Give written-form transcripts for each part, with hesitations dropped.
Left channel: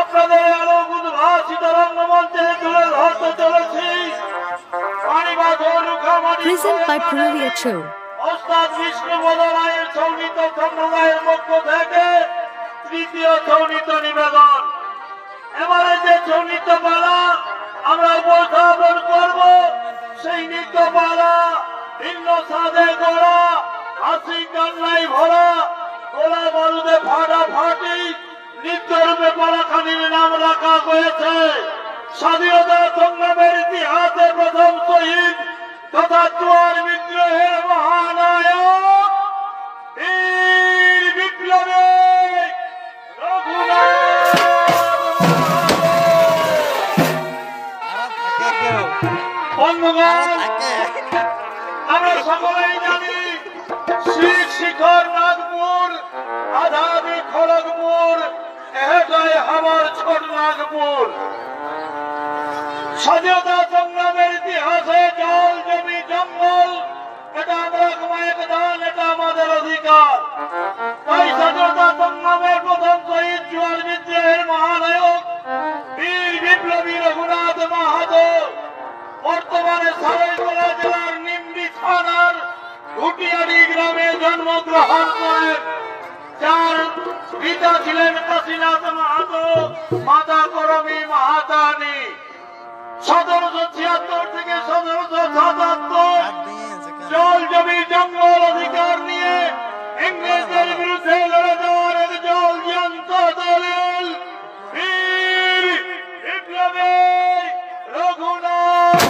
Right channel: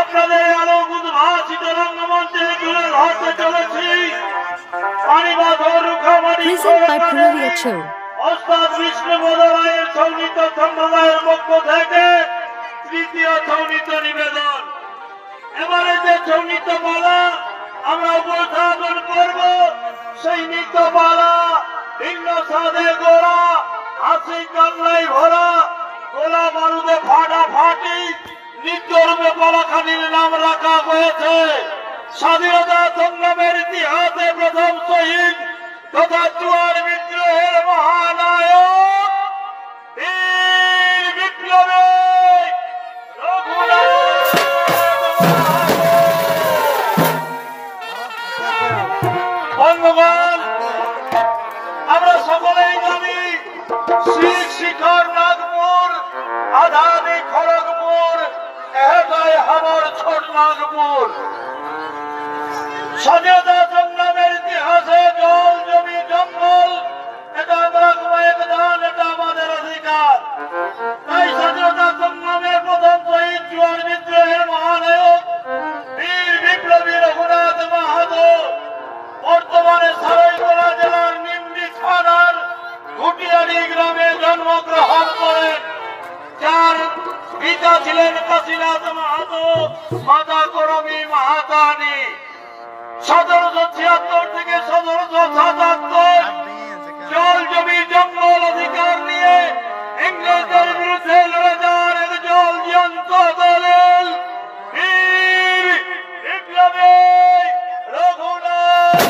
আপনাদের আলোক উদ্ভাসিত রঙ্গমঞ্চে তুলে ধরতে চলেছি Present by Prulia Cho. ওস্তাদ বিষ্ণুপদ রায়ের সৌনীত সম্প্রদায়ের পক্ষ থেকে তৃতীয় সৌনীত নিবেদন। এবারে যে সৌনীত পালা আমরা উপস্থাপন করব, সেই নৃত্য পালা ভিন্ন সাদে গোড়া, হাসি কান্নায় ভরা, গোলা বারুদে ফাটাফাটি নৃত্যরূপে পালাখানির নাম রাখা হয়েছে। স্বাধীনতা সংগ্রামের ইতিহাসে প্রথম শহীদ তথা জুয়ার বিদ্রোহের মহানায়ক বীর বিপ্লবী বন্ধুগণ, আমরা সকলেই জানি শিখ শিখর নাগপুর, আধানি খড়গপুর, এটাই আমার ছোট নাগপুর। স্বাধীনতা সংগ্রামের ইতিহাসে জল জমি জঙ্গল এটা আমরা কয়েক দান, এটা আমাদের অধিকার। তাই স্বাধীনতা সংগ্রামের প্রথম শহীদ জুয়ার বিদ্রোহের মহানায়ক বীর বিপ্লবী রঘুনাথ মাহাতো বর্তমানে সারাইকলা জেলার নিমডি থানার ঘুটিয়ারি গ্রামে জন্মগ্রহণ করেন, যার পিতা ছিলেন কাশীনাথ মাহাতো, মাতা করমী মাহাতানি। 1776 থেকে 1777 জল জমি জঙ্গল অধিকার নিয়ে ইংরেজদের বিরুদ্ধে লড়ে যাওয়ার এক জল জ্যান্ত দলের বীর বিপ্লবী রঘুনাথ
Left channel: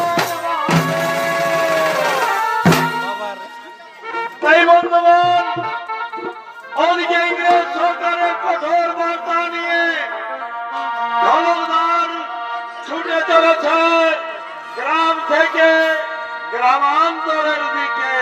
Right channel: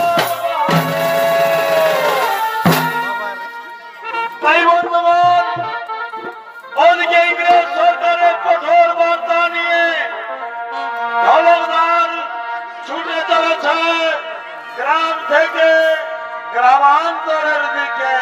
তাই বন্ধুগণ, ওদিকে ইংরেজ সরকারের কঠোর বার্তা নিয়ে ঢলকদার ছুটে চলেছে গ্রাম থেকে গ্রামান্তরের দিকে।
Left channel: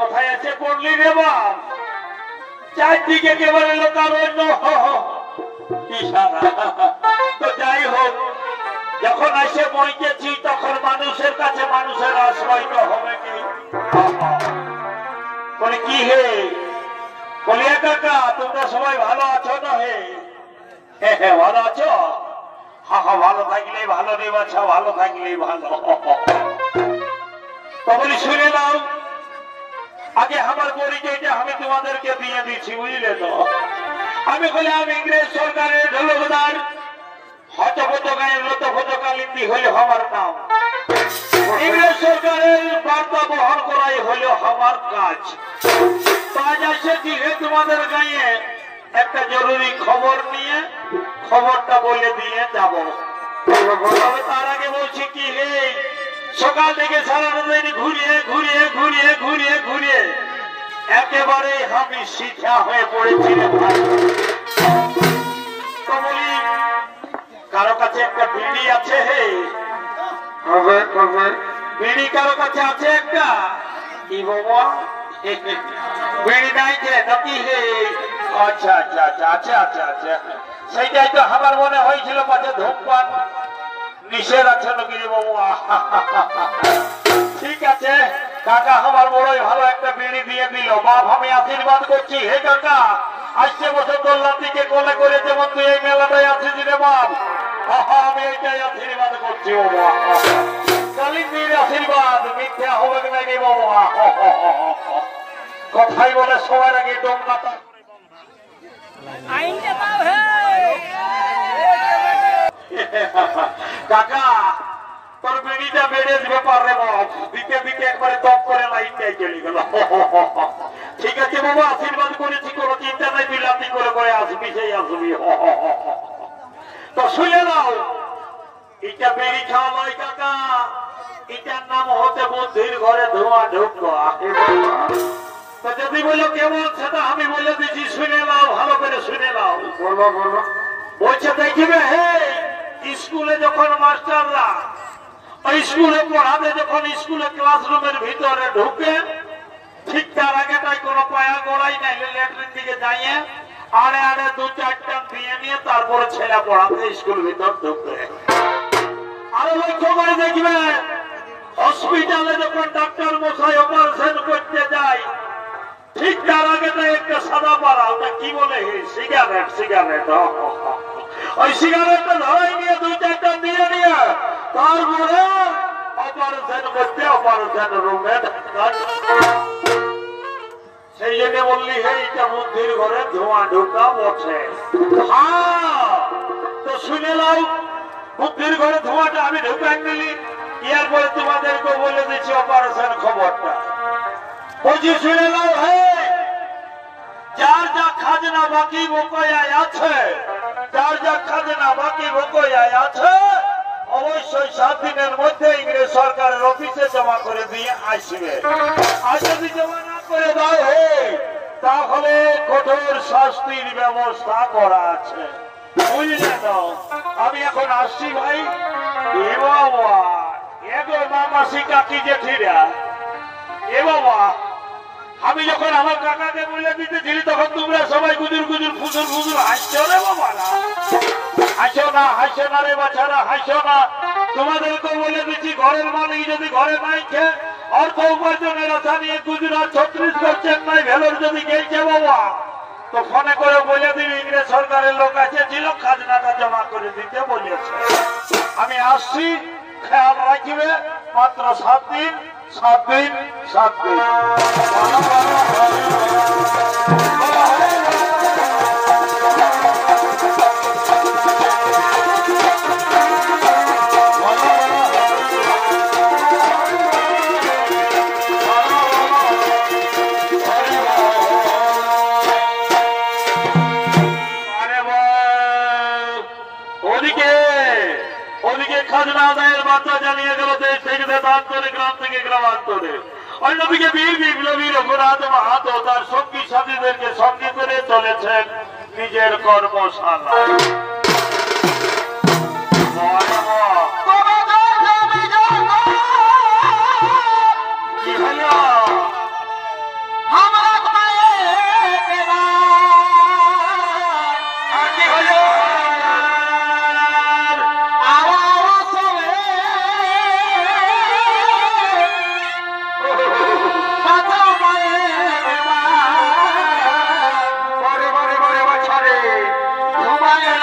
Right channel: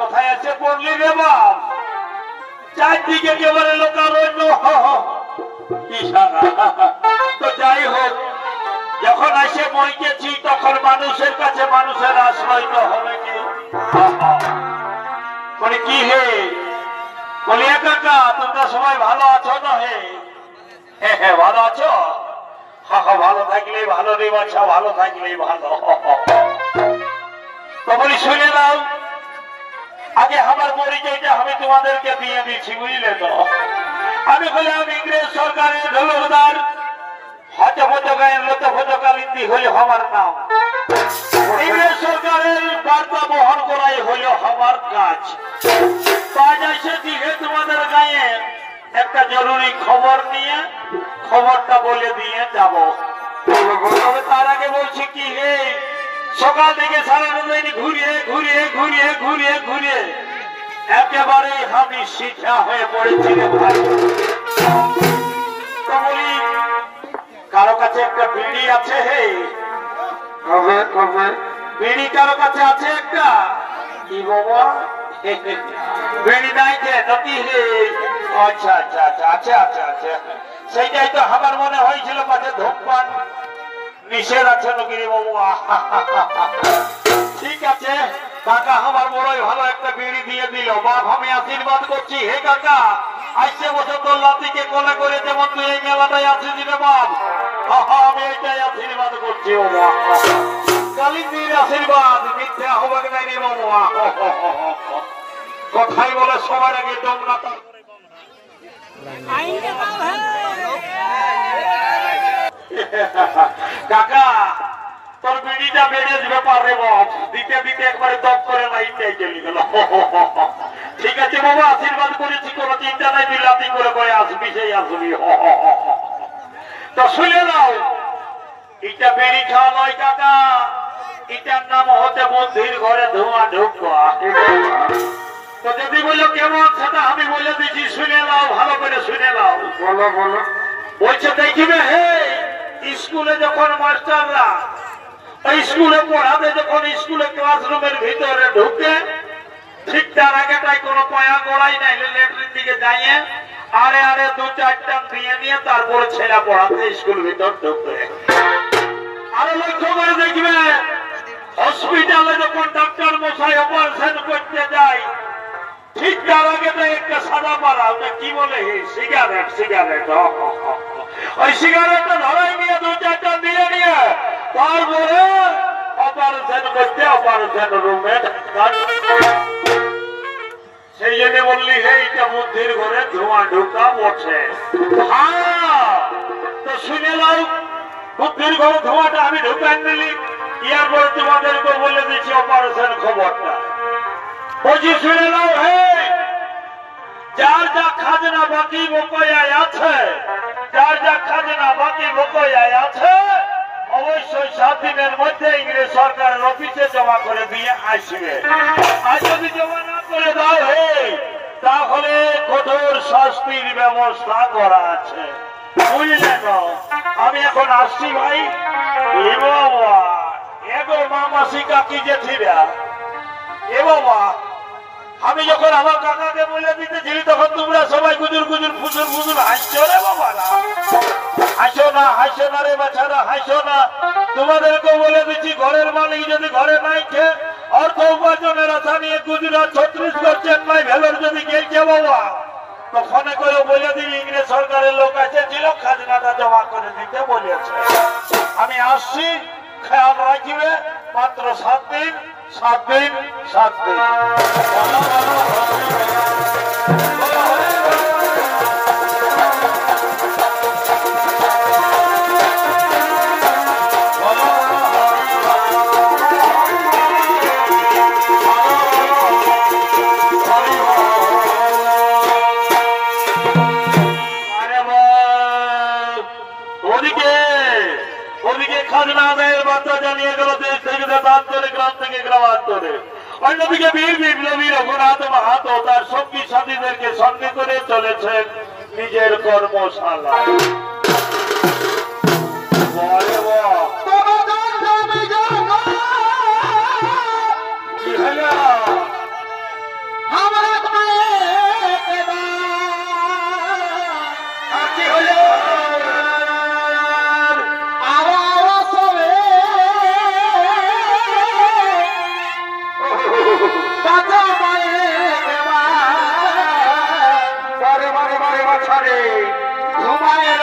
কোথায় আছে পড়লি রে বাপ? চারদিকে একেবারে লোকারণ্য। তো যাই হোক, যখন এসে পৌঁছেছি তখন মানুষের কাছে মানুষের আশ্রয় তো হবে কি হে কলিয়া কাকা, তোমরা সবাই ভালো আছো না? হে ভালো আছো? ভালো থাকলেই ভালো রে বাছা, ভালো থাকলেই ভালো। তখনই শুনে দাও আগে আমার পরিচয়টা আমি তোমাদেরকে দিয়ে দিচ্ছি, বুঝলে তো? আমি হলাম ইংরেজ সরকারের ঢোলকদার হচপচ গায়ের লতফচকালিন্দি হইল আমার নাম। ইংরেজ সরকারের বার্তা বহন করাই হইল আমার কাজ। কাজ এসেছি হে তোমাদের গায়ে একটা জরুরি খবর নিয়ে, খবরটা বলে দিয়ে যাব। তবে তার আগে বলছি কি, হে সকাল থেকে সারাদিন ঘুরিয়ে ঘুরিয়ে ঘুরিয়ে ঘুরিয়ে ঘুরিয়ে একেবারে আমি শিক্ষা হয়ে পড়েছিলাম ভাই। তো বলি, কারো কাছে একটা বিড়ি আছে? হে বিড়ি কারো কাছে আছে একটা? কি বাবা বিড়ি নাই যে নাকি? হে আচ্ছা আচ্ছা আচ্ছা আচ্ছা আচ্ছা আচ্ছা, সেইটাই তো আমার মনে হয়েছিল পাশে ধূমপান নিষেধ আছে নাকি রে বাবু? ঠিক আছে কাকা, আমার বড়ই ভালো একটা বিড়ি দিয়ে দিল। বাপ আমি আশীর্বাদ করছি, হে কাকা আসছে বছর তোর লাতিকে কোলে করে যেমন তুই এই মেলাটায় আছিস রে বাপ, আমি ওইটাই আশীর্বাদ করছি। ও কালিন্দির আশীর্বাদ মিথ্যা হবে নাই রে বাবু। কথাই বলে সবার আগে দম না কাকা, তোর বিড়িটা বেড়ে ব্যাপার রে বাপ, দিতে দিতে একবারে দপ করে লাইনটাই চলে গেল। ঠিক আছে বাবা, আশীর্বাদ করেছি, কোনো চিন্তা নাই, তুই লাতি করে করে আসবি, সেই আসবি। তো শুনে নাও, এটা বেড়ি খাওয়া নয় কাকা, এটার নাম হতে বুদ্ধির ঘরে ধোঁয়া ঢুকা। তো যদি বললো কেমন সেটা আমি বলে দিচ্ছি, শুনে নাও, ভালো করে শুনে নাও। বলো বলো। বলছে দেখবে, হে স্কুলে যখন মাস্টাররা ওই স্কুলে পড়াতে, যখন স্কুলে ক্লাসরুমের ভিতরে ঢুকে, ঠিক তার আগেটাই কোনো পয়া গড়াই নাই, ল্যাট্রিন দিকে যাইয়ে আরে আরে দু চারটা দিয়ে নিয়ে তারপরে ছেলে পড়াতে স্কুল ভিতর ঢুকবে। আরো লক্ষ্য করে দেখবে, হসপিটালে যখন ডাক্তার মশাই অপারেশন করতে যায়, ঠিক তার আগেটা একটা সাদা পাড়া, ওটা কি বলে? সিগারেট। সিগারেট, ওই সিগারেটটা ধরাই নিয়ে দু চারটা দিয়ে নিয়ে তারপরে অপারেশন করতে অপারেশন রুমে। সেই জন্য বললি, হে এটা বুদ্ধির ঘরে ধোঁয়া ঢুকা বসে। হ্যাঁ, তো শুনে নাও, বুদ্ধির ঘরে ধোঁয়াটা আমি ঢুকাই নিলি, এরপরে তোমাদেরকে বলে দিচ্ছি অপারেশন খবরটা। বলছি শুনে নাও, হে যার যা খাজনা বাকি বকয়ায় আছে, যার যা খাজনা বাকি বকয়ায় আছে, অবশ্যই 7 দিনের মধ্যে ইংরেজ সরকারের অফিসে জমা করে দিয়ে আসবে। আর যদি জমা না করে দাও, হে তাহলে কঠোর শাস্তির ব্যবস্থা করা আছে, বুঝলে তো? আমি এখন আসছি ভাই। এ বাবা, এগো মামাসি কাকি জেঠিরা, এ বাবা, আমি যখন আমার কাকাকে বলে দিতেছিলি তখন তোমরা সবাই গুজুর গুজুর ফুজুর ফুজুর হাসছো রে বাবা। হাসো না রে বাচ্চারা, হাসো না। তোমাদেরকে বলে দিচ্ছি, ঘরের মালিক যদি ঘরে নাই খেয়ে অর্থ উপার্জনের আশা নিয়ে গুজরাট 36 চেন্নাই ভেলোর যদি গেছে বাবা, তো ফোনে করে বলে দিবি ইংরেজ সরকারের লোক আছে, ছিল খাজনাটা জমা করে দিতে বলেছে। আমি আসছি, খেয়াল রাখিবে। মাত্র 7 দিন, 7 দিন, 7 দিন। খাজনা আদায়ের বার্তা জানিয়ে গেল দেশ থেকে দেশান্তরে, গ্রাম থেকে গ্রামান্তরে। অন্যদিকে বীর বিপ্লবী রঘুনাথ মাহাতো তার সঙ্গী সাথীদেরকে সঙ্গে করে চলেছেন নিজের কর্মশালা। কি হল? কি হল? ঘুমায়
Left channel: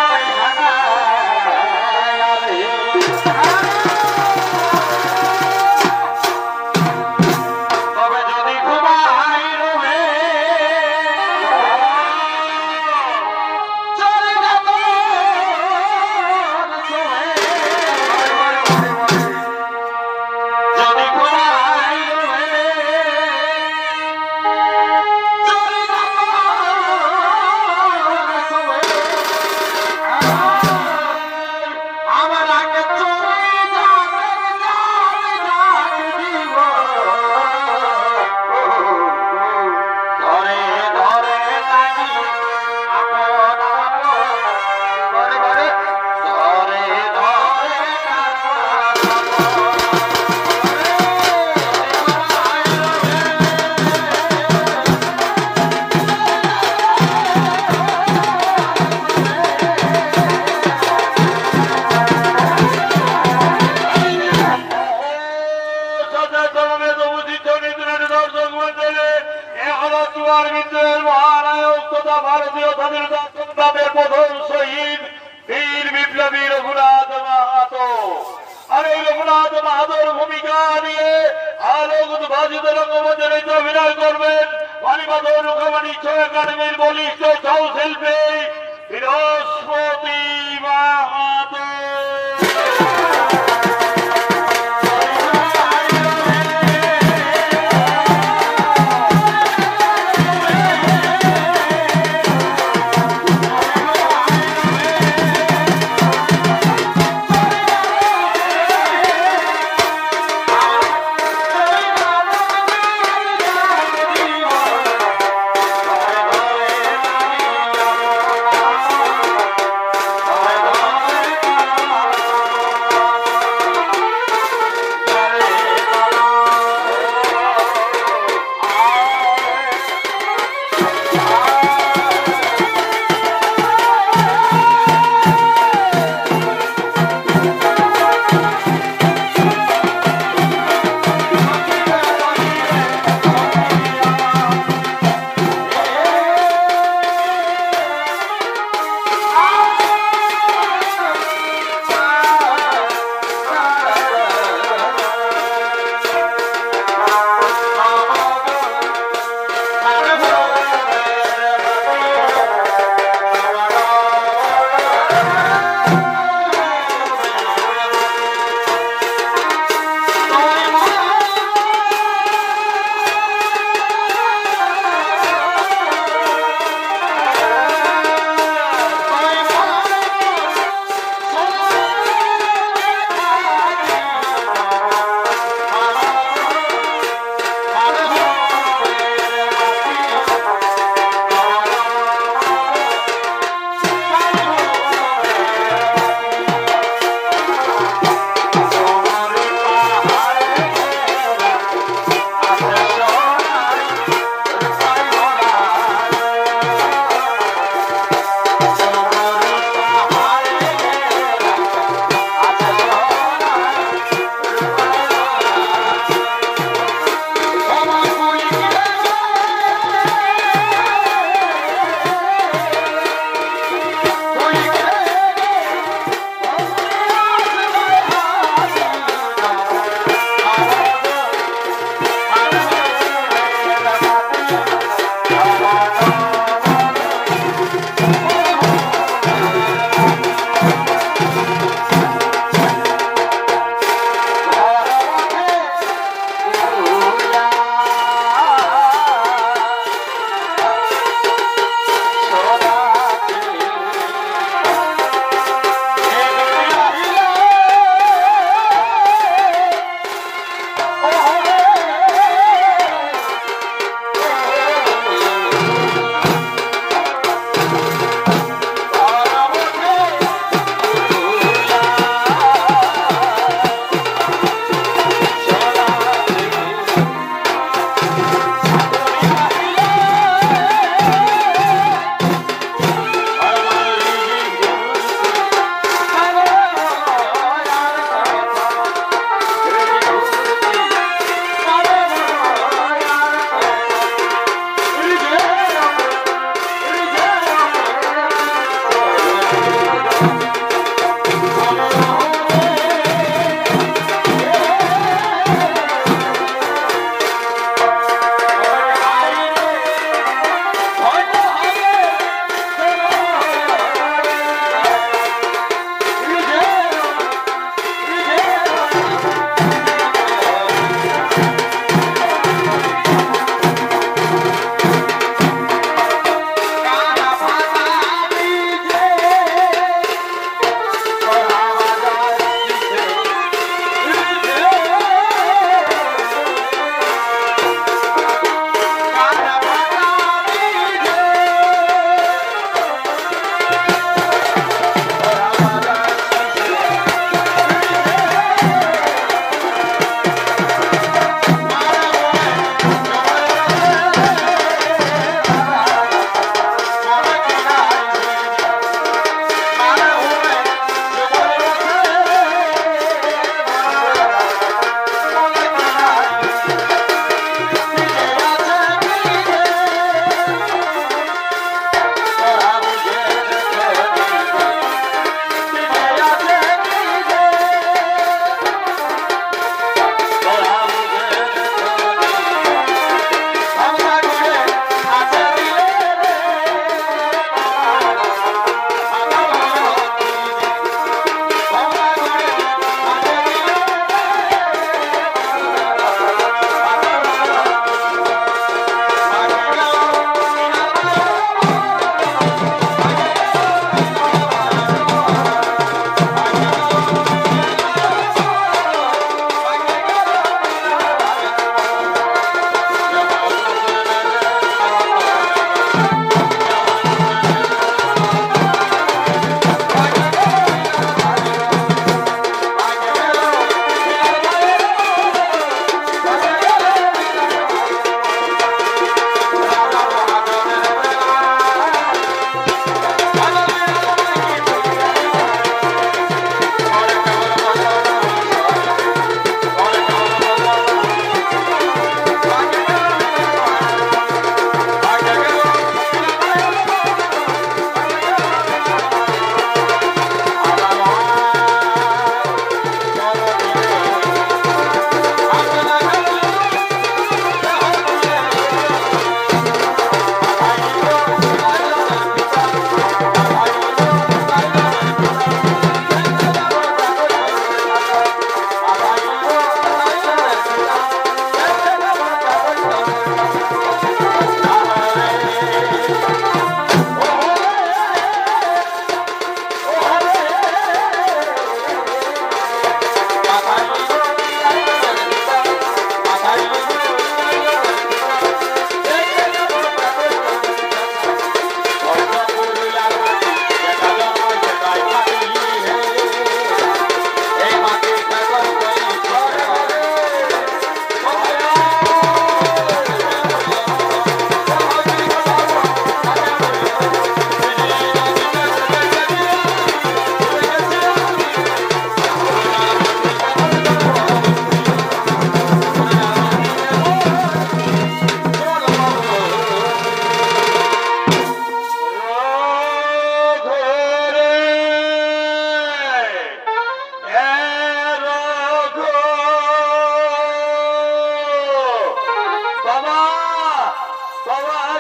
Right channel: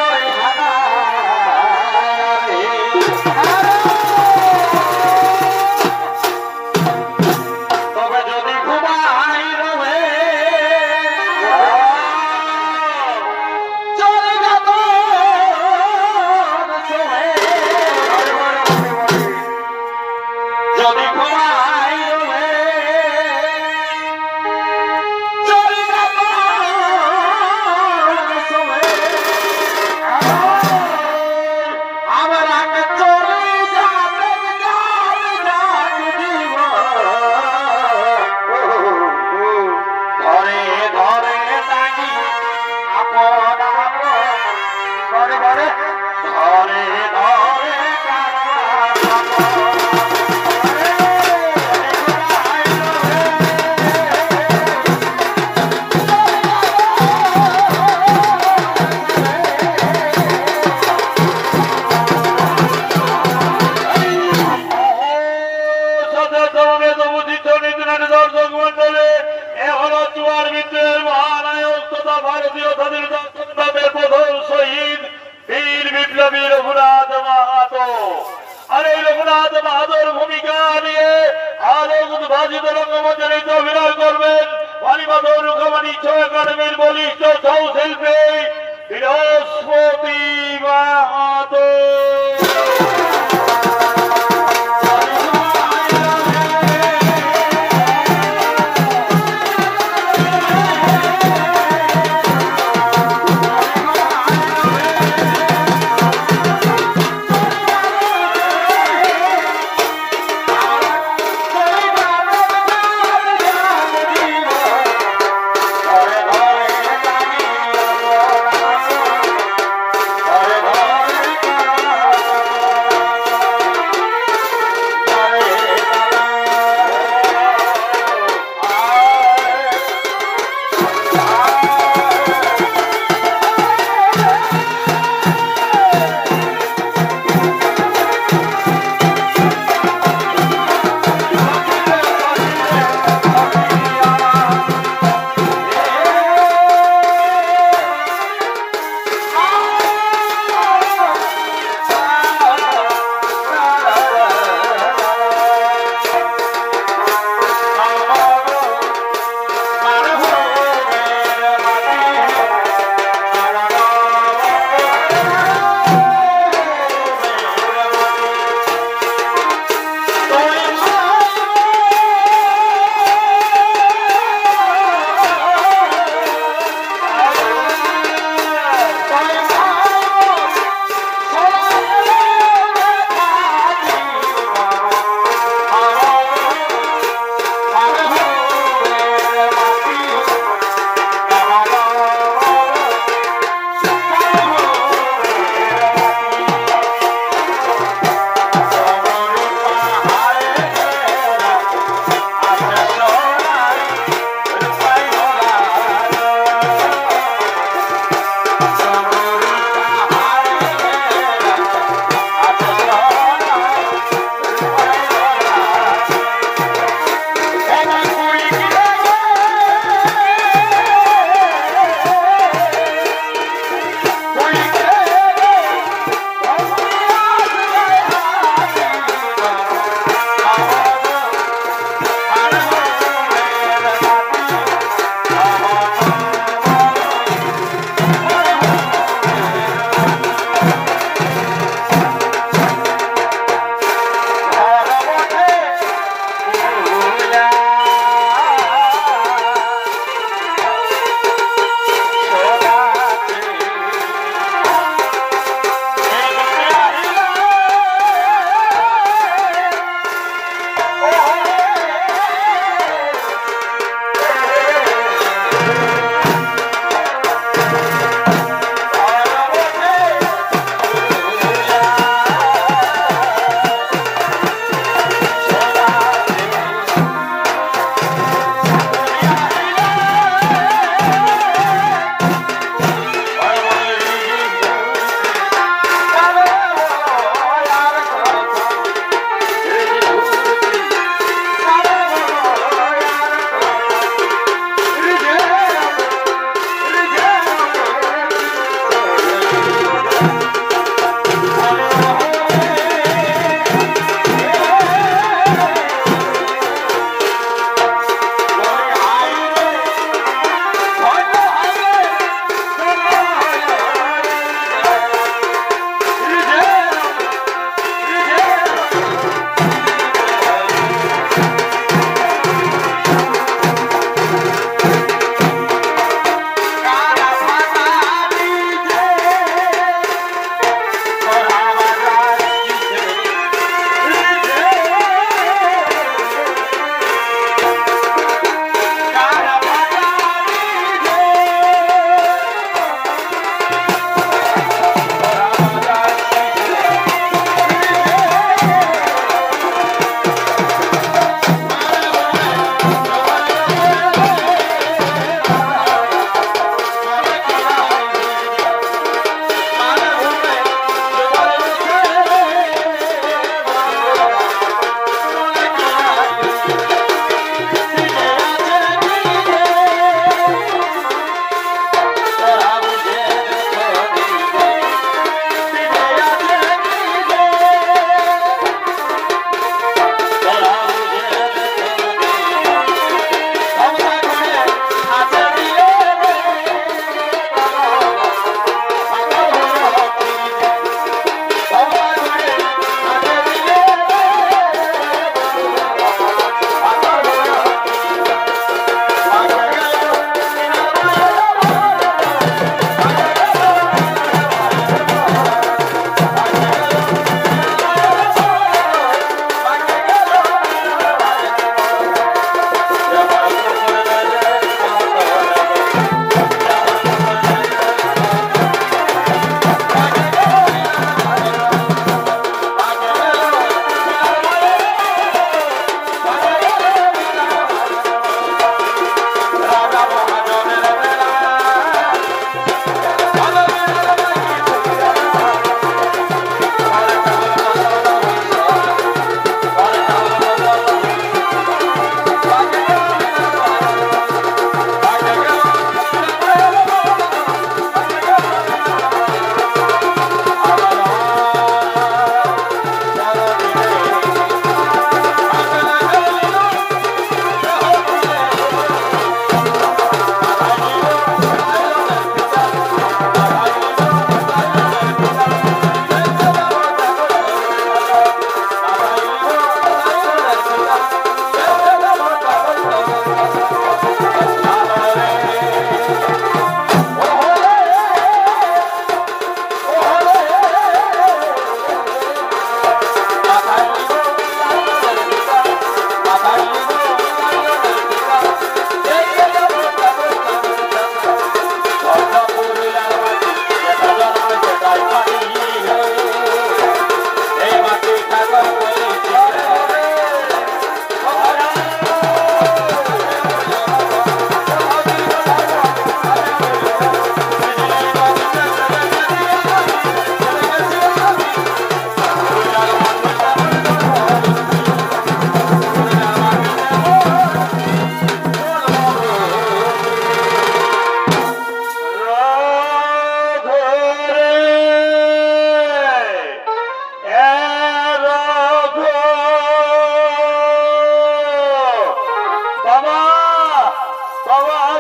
স্বাধীনতা সংগ্রামের প্রধান শহীদ বীর বিপ্লবী রঘুনাথ মাহাতো। আর এই রঘুনাথ মাহাতোর ভূমিকা নিয়ে আলোক উদ্ভাসিত রঙ্গমঞ্চে অভিনয় করবেন বালিমাধব রুখামানি ছৌ একাডেমির বলিষ্ঠ ছৌ শিল্পী বৃহস্পতি মাহাতো।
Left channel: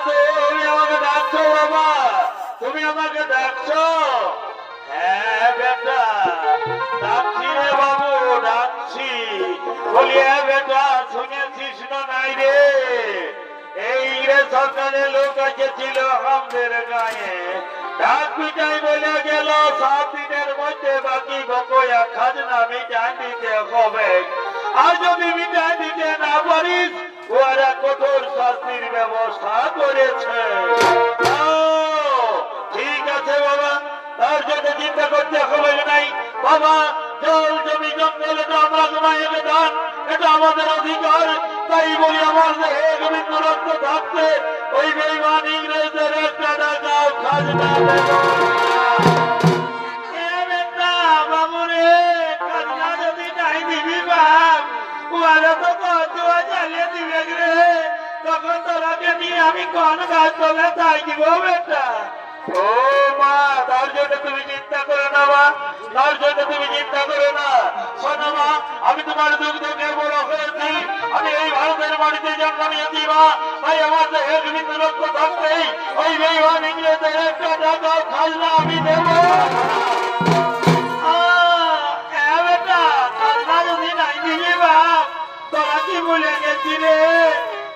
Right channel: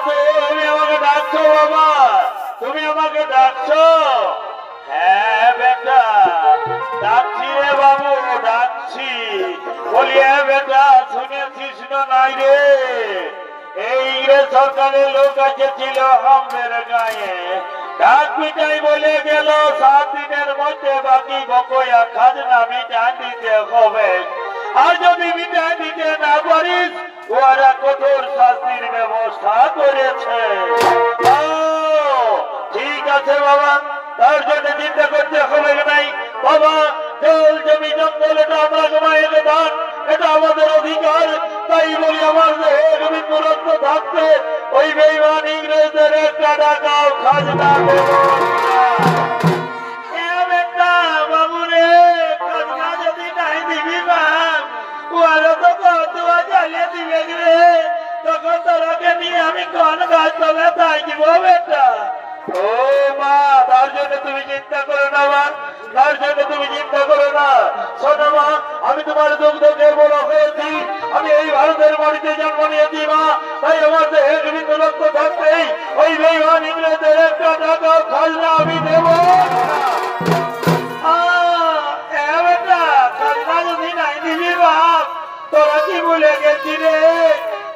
তুমি আমাকে ডাকছো বাবা, তুমি আমাকে ডাকছো? হ্যাঁ বেটা ডাকছি রে বাবু, ডাকছি। বলি হ্যাঁ বেটা, শুনেছিস না নাই রে, এই রে সরকারের লোক ছিল আমাদের গায়ে, ডাক পিটাই বলে গেল 7 দিনের মধ্যে বাকি বকয়া খাজনা মিটাই দিতে হবে। আর যদি মিটাই দিতে না পারিস ওরা কঠোর শাস্তির ব্যবস্থা করেছে। ঠিক আছে বাবা, তার জন্য চিন্তা করতে হবে নাই বাবা। জল জমি জঙ্গল এটা আমরা জমাইয়ে দান, এটা আমাদের অধিকার। তাই বলি আমার বিন্দু রক্ত থাকতে ওই বেঈমান ইংরেজদের একটা টাকাও খাজনা দেব না। বাবু রে, খাজনা যদি নাই দিবি বাপ, ওরা তো কতুয়া জ্বালিয়ে দিবে রে, তখন তোরাকে নিয়ে আমি কোন গাছ তবে থাকিব বেটা? ও মা, তার জন্য তুমি চিন্তা করো না মা, তার জন্য তুমি চিন্তা করো না। শোনো মা, আমি তোমার দুগ্ধের বড় হয়েছি, আমি এই ভারতের মাটিতে জন্ম নিয়েছি মা। তাই আমার দেহে বিভিন্ন লক্ষ্য থাকতেই ওই বেঈমান ইংরেজদের একটা টাকা খাজনা আমি দেব। বেটা খাজনা যদি নাই দিবি বাপ, তোরা কি ভুলে গেছি রে?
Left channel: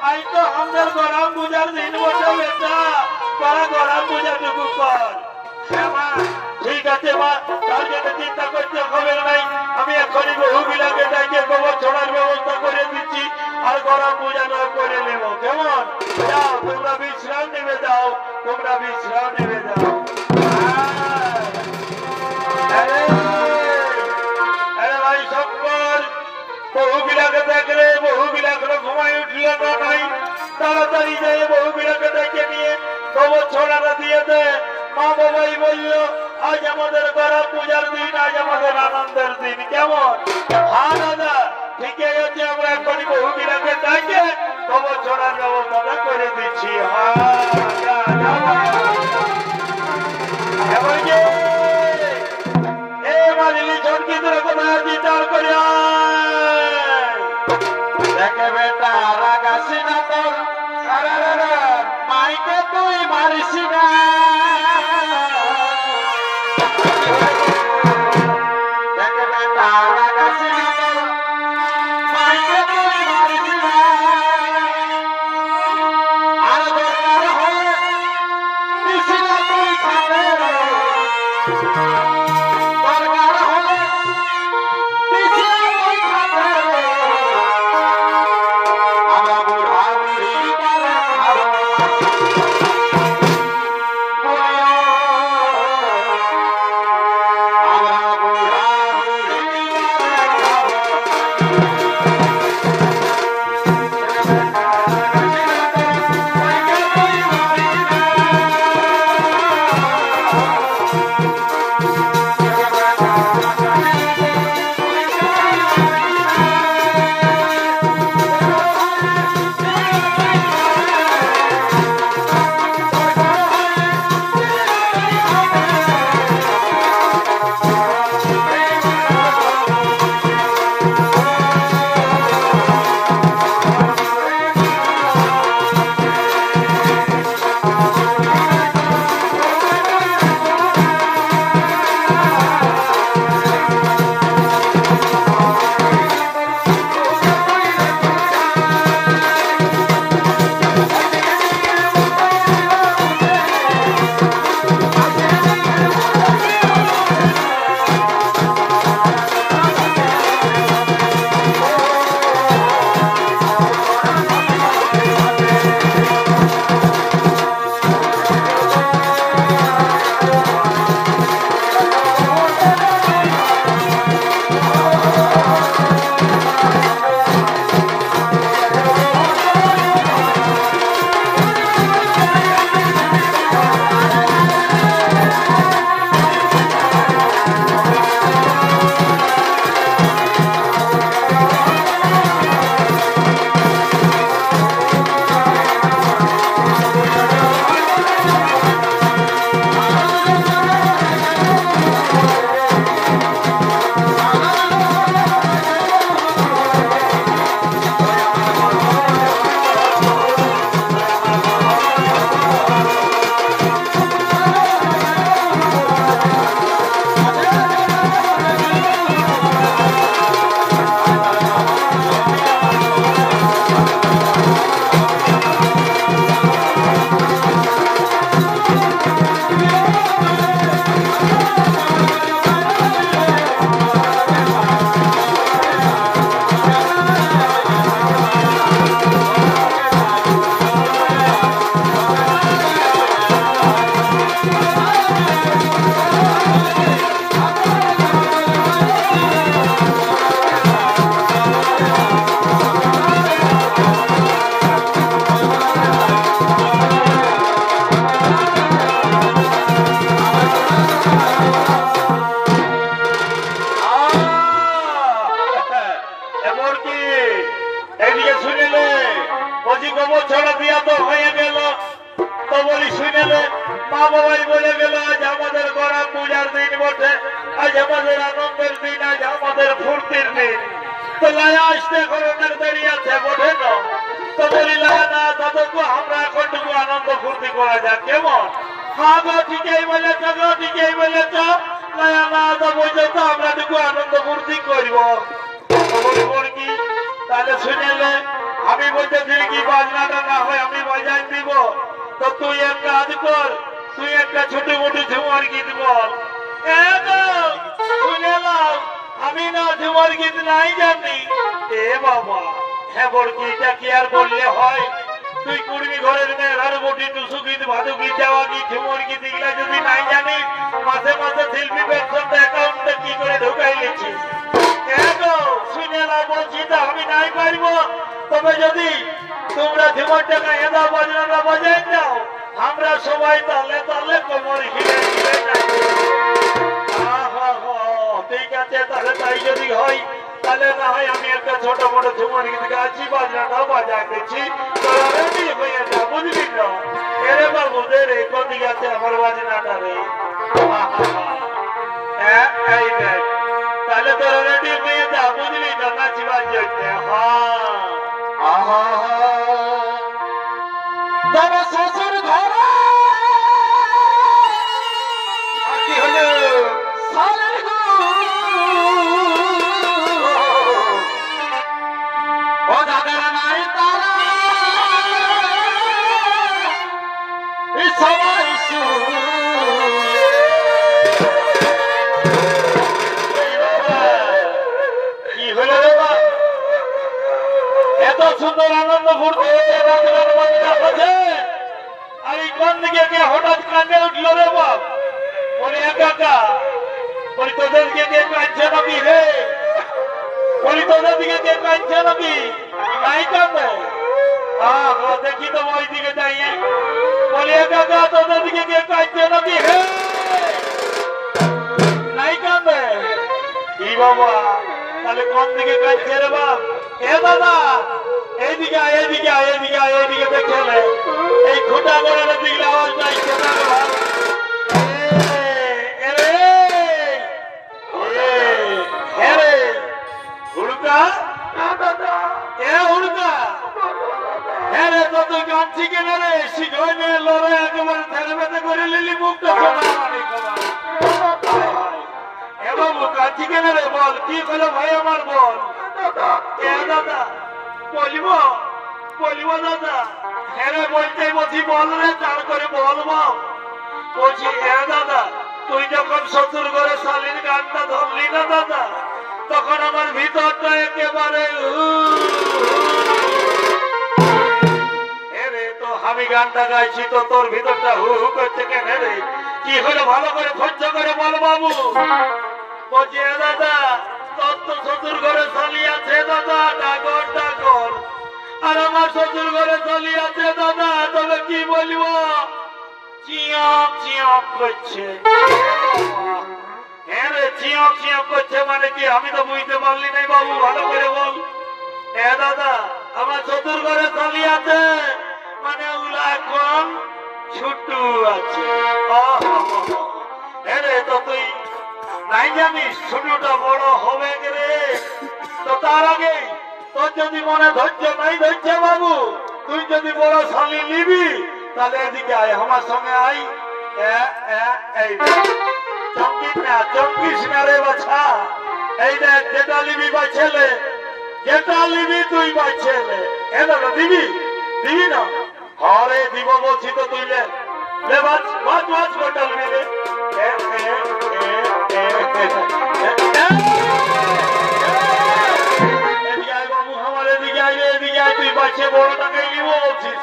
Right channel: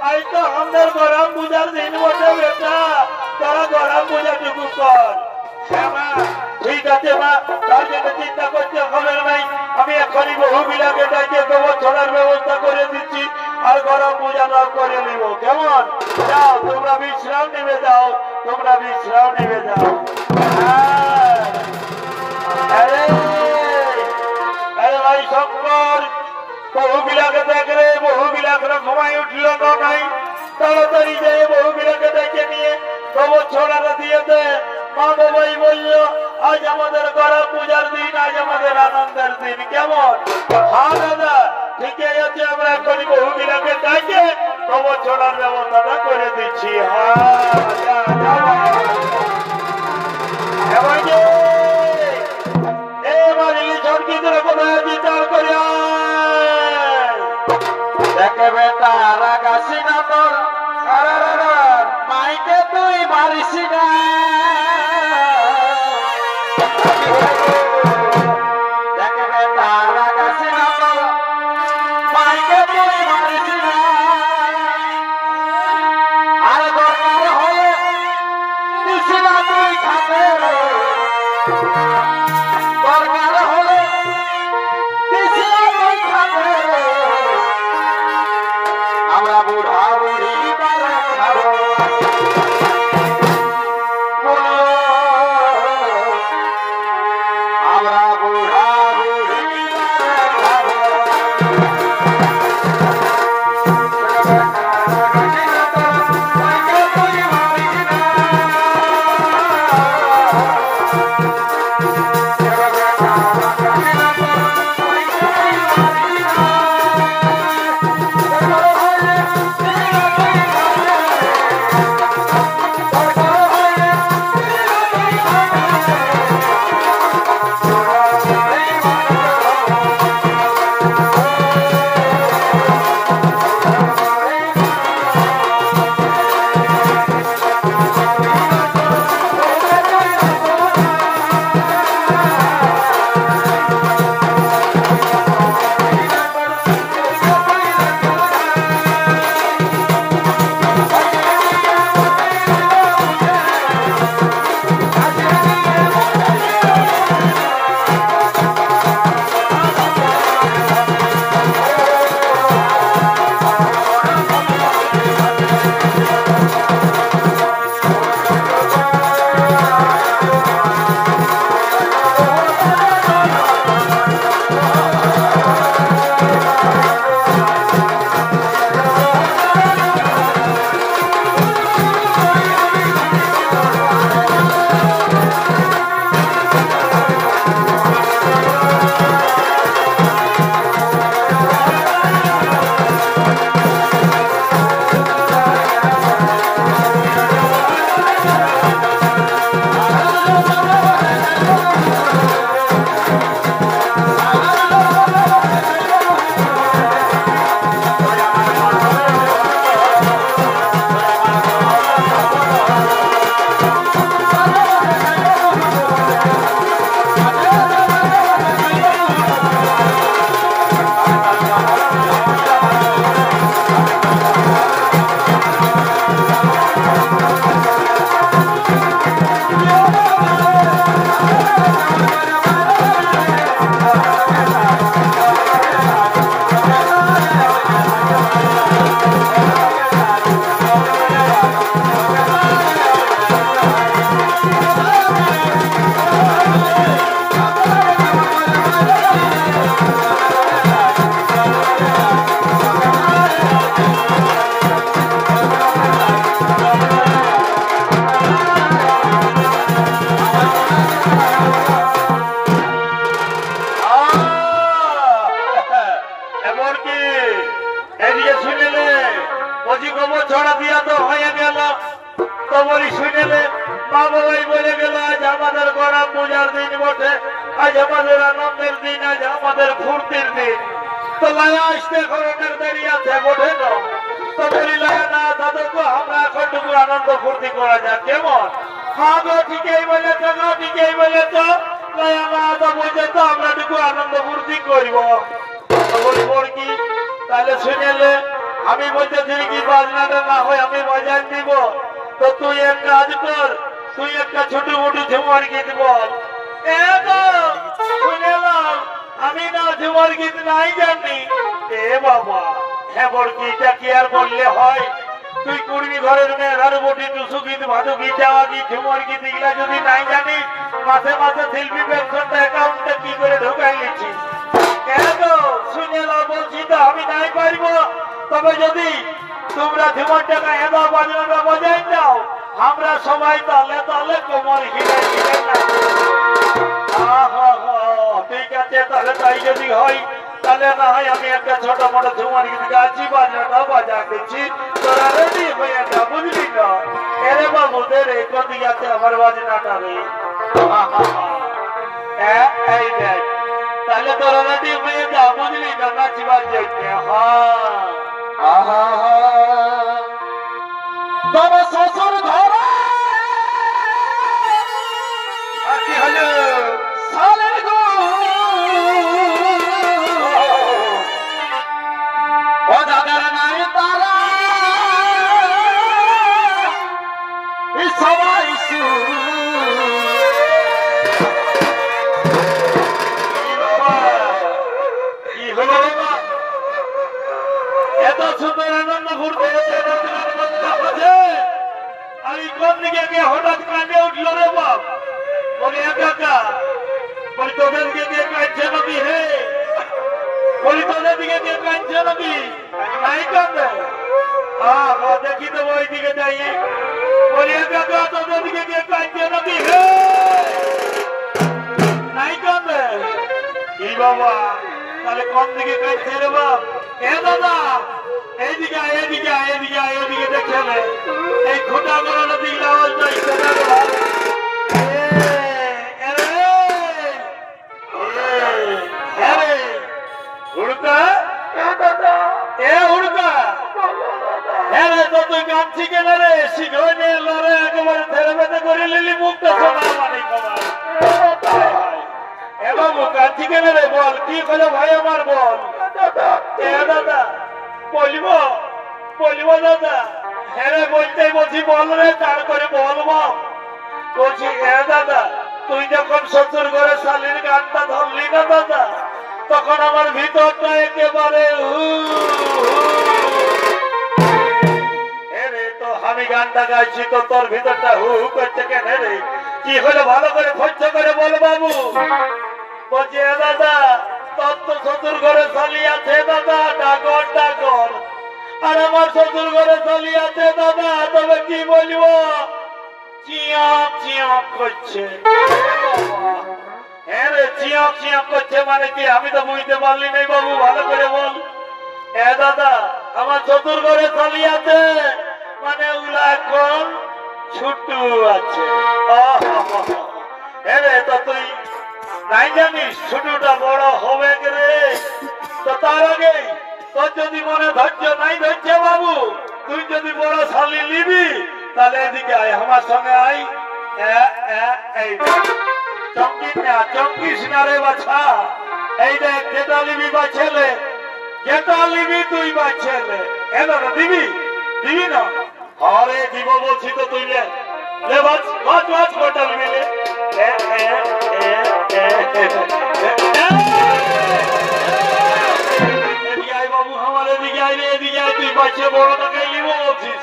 আজ তো আমাদের গরম পূজার দিন বসে বেটা, তোরা গরম পূজাটুকু কর। ঠিক আছে মা, তার জন্য চিন্তা করতে হবে নাই। আমি এখনই বহু বিলাকে ডাইকে গোবর ছড়ার ব্যবস্থা করে দিচ্ছি, আর গরম পূজাটা করে নেব। কেমন? যাও তোমরা বিশ্রাম নেবে, যাও তোমরা বিশ্রাম নেবে, যাও। আরে ভাই শঙ্কর, বহু বিলাকে দেখলে বহু বিলাকে ঘুমাই উঠল না নাই, তাড়াতাড়ি যেয়ে বহু বিলাকে ডেকে নিয়ে গোবর ছড়াটা দিয়ে দে। মা বাবাই বলল আজ আমাদের গরম পূজার দিন, আজ আমাদের আনন্দের দিন। কেমন? হ্যাঁ দাদা ঠিকই আছে, আমরা এখনই বহু বিলাকে ডাকে গোবর ছড়ার ব্যবস্থাটা করে দিচ্ছি। দেখে বেটা রাগাসি না তোর, মাইকে তুই মারিস না। দেখে বেটা রাগাসি না তোর, মাইকে তুই মারিস না। আর দরকার হলে দিসিনা তুই খাতে, দরকার হলে দিসিনা তুই খাতে। আমরা বুড়া বুড়ি মারা খাবো, আমরা বুড়া বুড়ি মারা খাবো। তো বলি শুনেলে মা বাবাই বলে গেল আজ আমাদের গড়া পূজার দিন বটে, আজ আমাদের আনন্দের দিন, আজ আমাদের ফুর্তির দিন। তো লায়া আসতে এখন অনেক দেরি আছে বটে না, তো বলি লায়া না দাদু আমরা এখনটুকু আনন্দ ফুর্তি করা যাক কেমন? হ্যাঁ গো ঠিকই বলেছ গো, ঠিকই বলেছ। লায়া না তো বলছে তো আমরা টুকু আনন্দ ফুর্তি করব। তো বলি বল কি তাহলে শুনেলে আমি বলতেছি কি বাজনাটা না হয় আমি বাজাই দিব, তো তুই এক কাজ কর, তুই একটা ছোট মোটো ঝুমার গীত বল। শুনেলাম আমি না ঝুমার গীত নাই জানি। এ বাবা হ্যাঁ বল কি এটা কি আর বললে হয়? তুই কুড়ি ঘরের মেয়ে ঘর বটি টুসু গীত ভাদু গীত যাওয়া গীত ঝুমার গীত এগুলা যদি নাই জানিস মাসে মাসে শিল্পী পেনশনটা অ্যাকাউন্টে কি করে ঢুকাই গেছিস? কেন শুনেলাম বলছি তো আমি নাই পারব, তবে যদি তোমরা ঝুমার টাকা এদা বাজনাটা বাজাই দাও আমরা সবাই তাহলে তাহলে কোমর হিলে হিলে নাই। ঠিক আছে তাহলে তাই যদি হয় তাহলে না হয় আমি একটা ছোট মোটো ঝুমার গীত গাছি বাজনাটা বাজা দিচ্ছি, তোরা রেডি হয়ে যা বুঝলি না? এরে বাবু রে কোন আছে আমার বাজনাটা রে। এই দেখ তাহলে তোরা রেডি হয়ে যা বুঝলি না নাচিবার জন্য। তবে শ্বশুর ধরে কি হলো সালের গো ও দাদার নাই তারা সবাই কি হলো বাবা এত সুন্দর আনন্দ ফুর্তি আর এই কোন দিকে গিয়ে হঠাৎ কান্দে উঠলো রে বাপ? বলি একা বলি তোদের দিকে দিয়ে কাঁদছে নাকি রে? বলি তোদের দিকে দিয়ে কাঁদছে নাকি? নাই কান্দে দেখি তো ওই দিকে যাই। বলি একা তোদের দিকে দিয়ে কাঁদছে নাকি রে? নাই কান্দে কি বাবা? তাহলে কোন দিকে কাঁদছে রে বাপ? এ দাদা এইদিকে এইদিকে এইদিকে এইদিকে দেখছেন এই খোটা গড়ানোর দিকে আওয়াজ নাই। হুড়কা এ হুড়কা হ্যাঁ রে তো তুই গান শিখে না রে শিখে নিয়ে লড়ে একেবারে ধেরে বেঁধে করে লিলি মুখটা শোনা মানে এ বাবু গান শিখে না রে বল কি করে ভাই আমার বল। এ দাদা বলিব বলিব দাদা হ্যাঁ রে বলতেই বলছি বল রে তার করে বলবো বলছি এ দাদা তুই যখন শ্বশুর ঘরে শালীর গানটা ধরলি না দাদা তখন আমার ভিতরটা একেবারে রে তো আমি গানটা গাইছি তো তোর ভিতরটা হু হু করছে কেন রে? কি হলে ভালো করে খরচ করে বল বাবু। বলছি এ দাদা তোর তো শ্বশুর ঘরে শালী আছে দাদা ডাগর ডাগর, আর আমার শ্বশুর ঘরে শালী আছে দাদা তবে কি বলবো চিয়ক চিয়ক করছে। হ্যাঁ রে চিয়ক চিয়ক করছে মানে কি আমি তো বুঝতে পারলি নাই বাবু ভালো করে বল। এ দাদা আমার শ্বশুর ঘরে শালী আছে মানে ওগুলা এখন ছুটু আছে। হ্যাঁ রে তো তুই নাই জানিস ছোটটা বড় হবে রে? তো তার আগে তোর যদি মনে ধৈর্য নাই ধরছে বাবু তুই যদি বড় শালী নিবি তাহলে এদিকে আয় আমার সঙ্গে আয়। চমকিস না রে বাছা, এই দেখ যেটা নিবি বা ছেলে যেটা নিবি তুই বা ছেলে এ দাদা দিবি দিবি না? হরে দিব বলছি তো তুই লে বাজ বাজ বাজ কোনটা নিবি রে? বাবু আমার এদিকে আয় এদিকে আয় তুই বাচ্চা বড়টাকে নিব বলছিস?